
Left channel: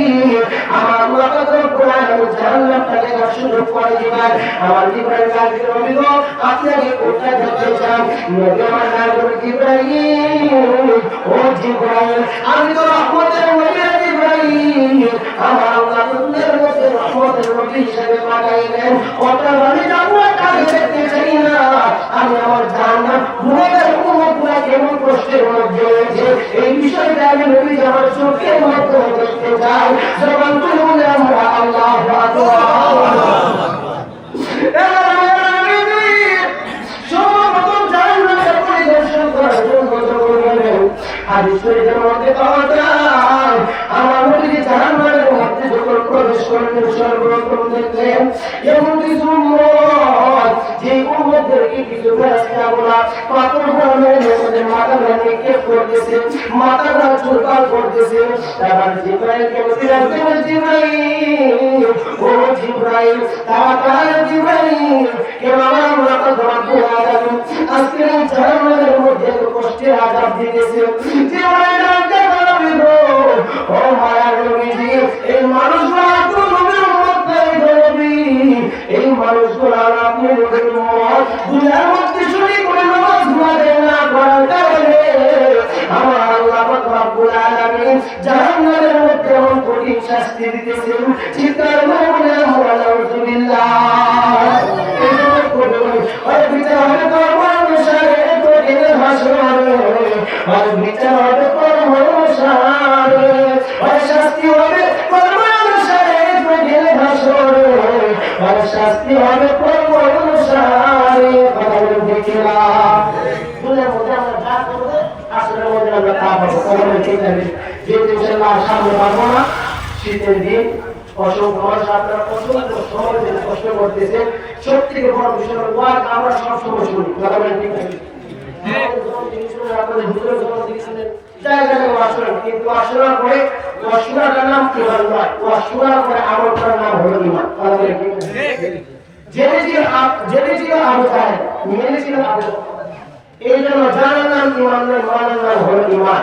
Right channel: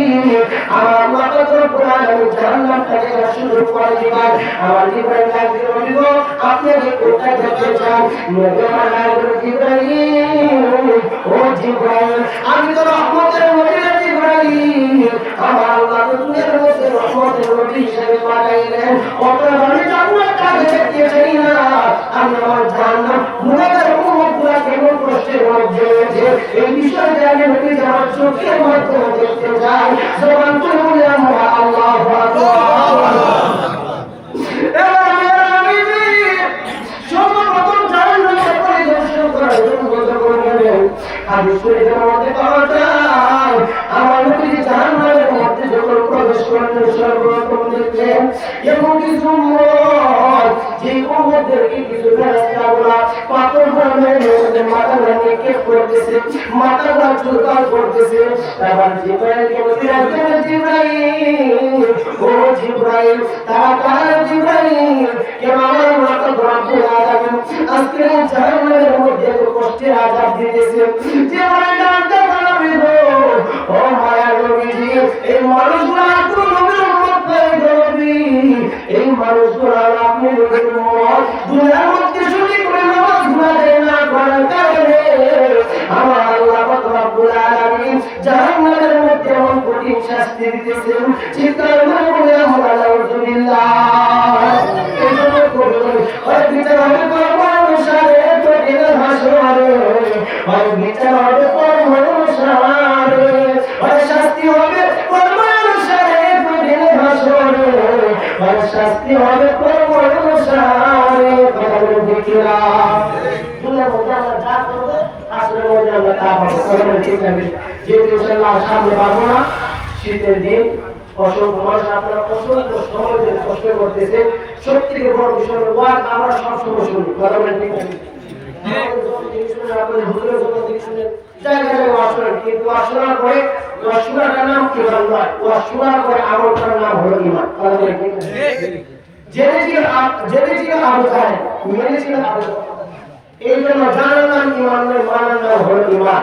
আমার আল্লাহ পাক রব্বুল আলামিন জান্নাতটাকে সুযোগ করে দিবেন। আমার জিবরাইল কাজে নবী গো, আপনি কি কোথায় যেতে চান? নবী আমার নাম জিবরাইল, ও জিবরাইল, আমি তো রহমতের নবী জিবরাইল, আমার আল্লাহ দুনিয়ার মধ্যে রহমতের নবী হিসেবে পাঠাইলেন। ওটা আমি জান্নাতটা দেখতে চাই না, আমি আমার জান্নাত গুনাহগার উম্মতগুলা কেমন কষ্টের মধ্যে রয়েছে এই বিষয়টা আমি নবী আমার চোখের মাধ্যমে দেখতে চাই। জবান খুলে বলে আমরা আল্লাহু আকবার। সর্বপ্রথম জান্নাতটা পরিদর্শন করার জন্য হাদিস শরীফের মধ্যে পাওয়া যায়, আমার নবী জান্নাতের মধ্যে যখন প্রবেশ করলেন সর্বপ্রথম দেখলেন এমন কিছু উম্মত, যে উম্মতদেরকে কিছু ফেরেশতাগুলা পাথরগুলা মেরে মাথাগুলা নিক্ষেপ করতেছে, মাথাগুলা চুলকাল করতেছে। তারপর জিবরাইলকে বললেন, জিবরাইল, ও জিবরাইল, তাড়াতাড়ি জিবরাইল, কেন আমার মাথা রব্বুল আলামিন আজকে জাহান্নামের মধ্যে কষ্টের আযাব দিতেছে। জিবরাইল ডাকতে পারবি গো, ও মায়ার নবীজি, এই মানুষগুলা তো নবীর উম্মত নাই গো নবী, এই মানুষগুলা আপনি নবীর উম্মত, দুনিয়ার মধ্যে শুনি করে নামাজ গুনাহ না করার কারণে আমার আল্লাহ পাক রব্বুল আলামিন জাহান্নামের মধ্যে অনেক কঠিন শাস্তি দিতেছেন। চিৎকার করে বলে আমরা নাউযুবিল্লাহ। এই জন্য করে ওই বিচার হবে পরম অনুসারে কঠিন ভাষণে, ওই বিচার হবে পরম অনুসারে, ওই শাস্তি হবে পরম অনুসারে কঠিন ভাষণে, ওই শাস্তি হবে পরম অনুসারে। কথা দেখিলা দুনিয়ার মধ্যে আমরা যা করব আসলে মধ্যে আমরা তা পাবো। কথা ঠিক আছে, যে ইনশাআল্লাহ সামনে পাবো না, শীতের দিন অসংখ্য মানুষ আপনারা অসংখ্য সময় ধরে কষ্ট করতেছে। সবথেকে বড় বিষয় হলো ওয়াজ আমরা সবসময় শুনি। কথা বলেন ঠিক আছে, আপনাদের হুজুরের জবান থেকে শুনেন, জায়গায় ওয়াজ শোনেন, কিন্তু ওয়াজ শোনার পরে ওয়াজ শোনার নাম কি হয়? ওয়াজ শোনার পরে আমল করার নাম হলো ঈমান। কথা বলেন ঠিক আছে, জেনেছিল আবু তাহের, মেনেছিল আবু। এই জন্য জানার নাম ঈমান নয়, মানার নাম হলো ঈমান।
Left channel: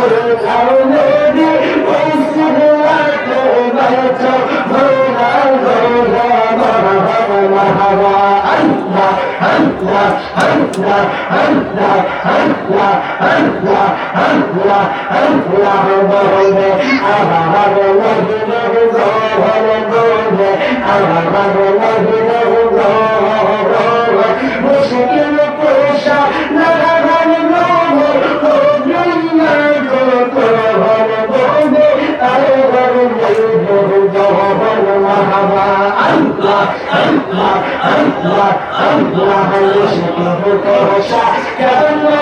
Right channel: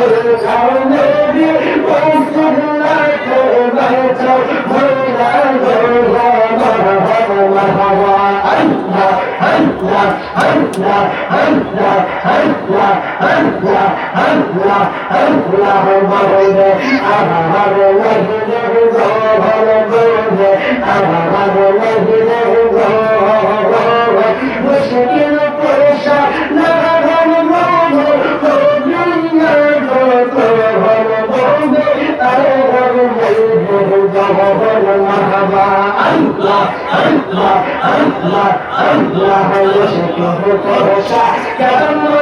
চলে যাও নবী ওই সিগনাতে বাইচো মৌলা গৌলা মারহাবা আল্লাহ আল্লাহ আল্লাহ আল্লাহ আল্লাহ আল্লাহ আল্লাহ আল্লাহ বলে আবার লাগে গহরে বলে আবার লাগে গহরে মুশকিল কোশা না গহরে দুনিয়া গহরে বলে আবার গহরে মারহাবা আল্লাহ আল্লাহ আল্লাহ আল্লাহ মুশকিল কোশা কেন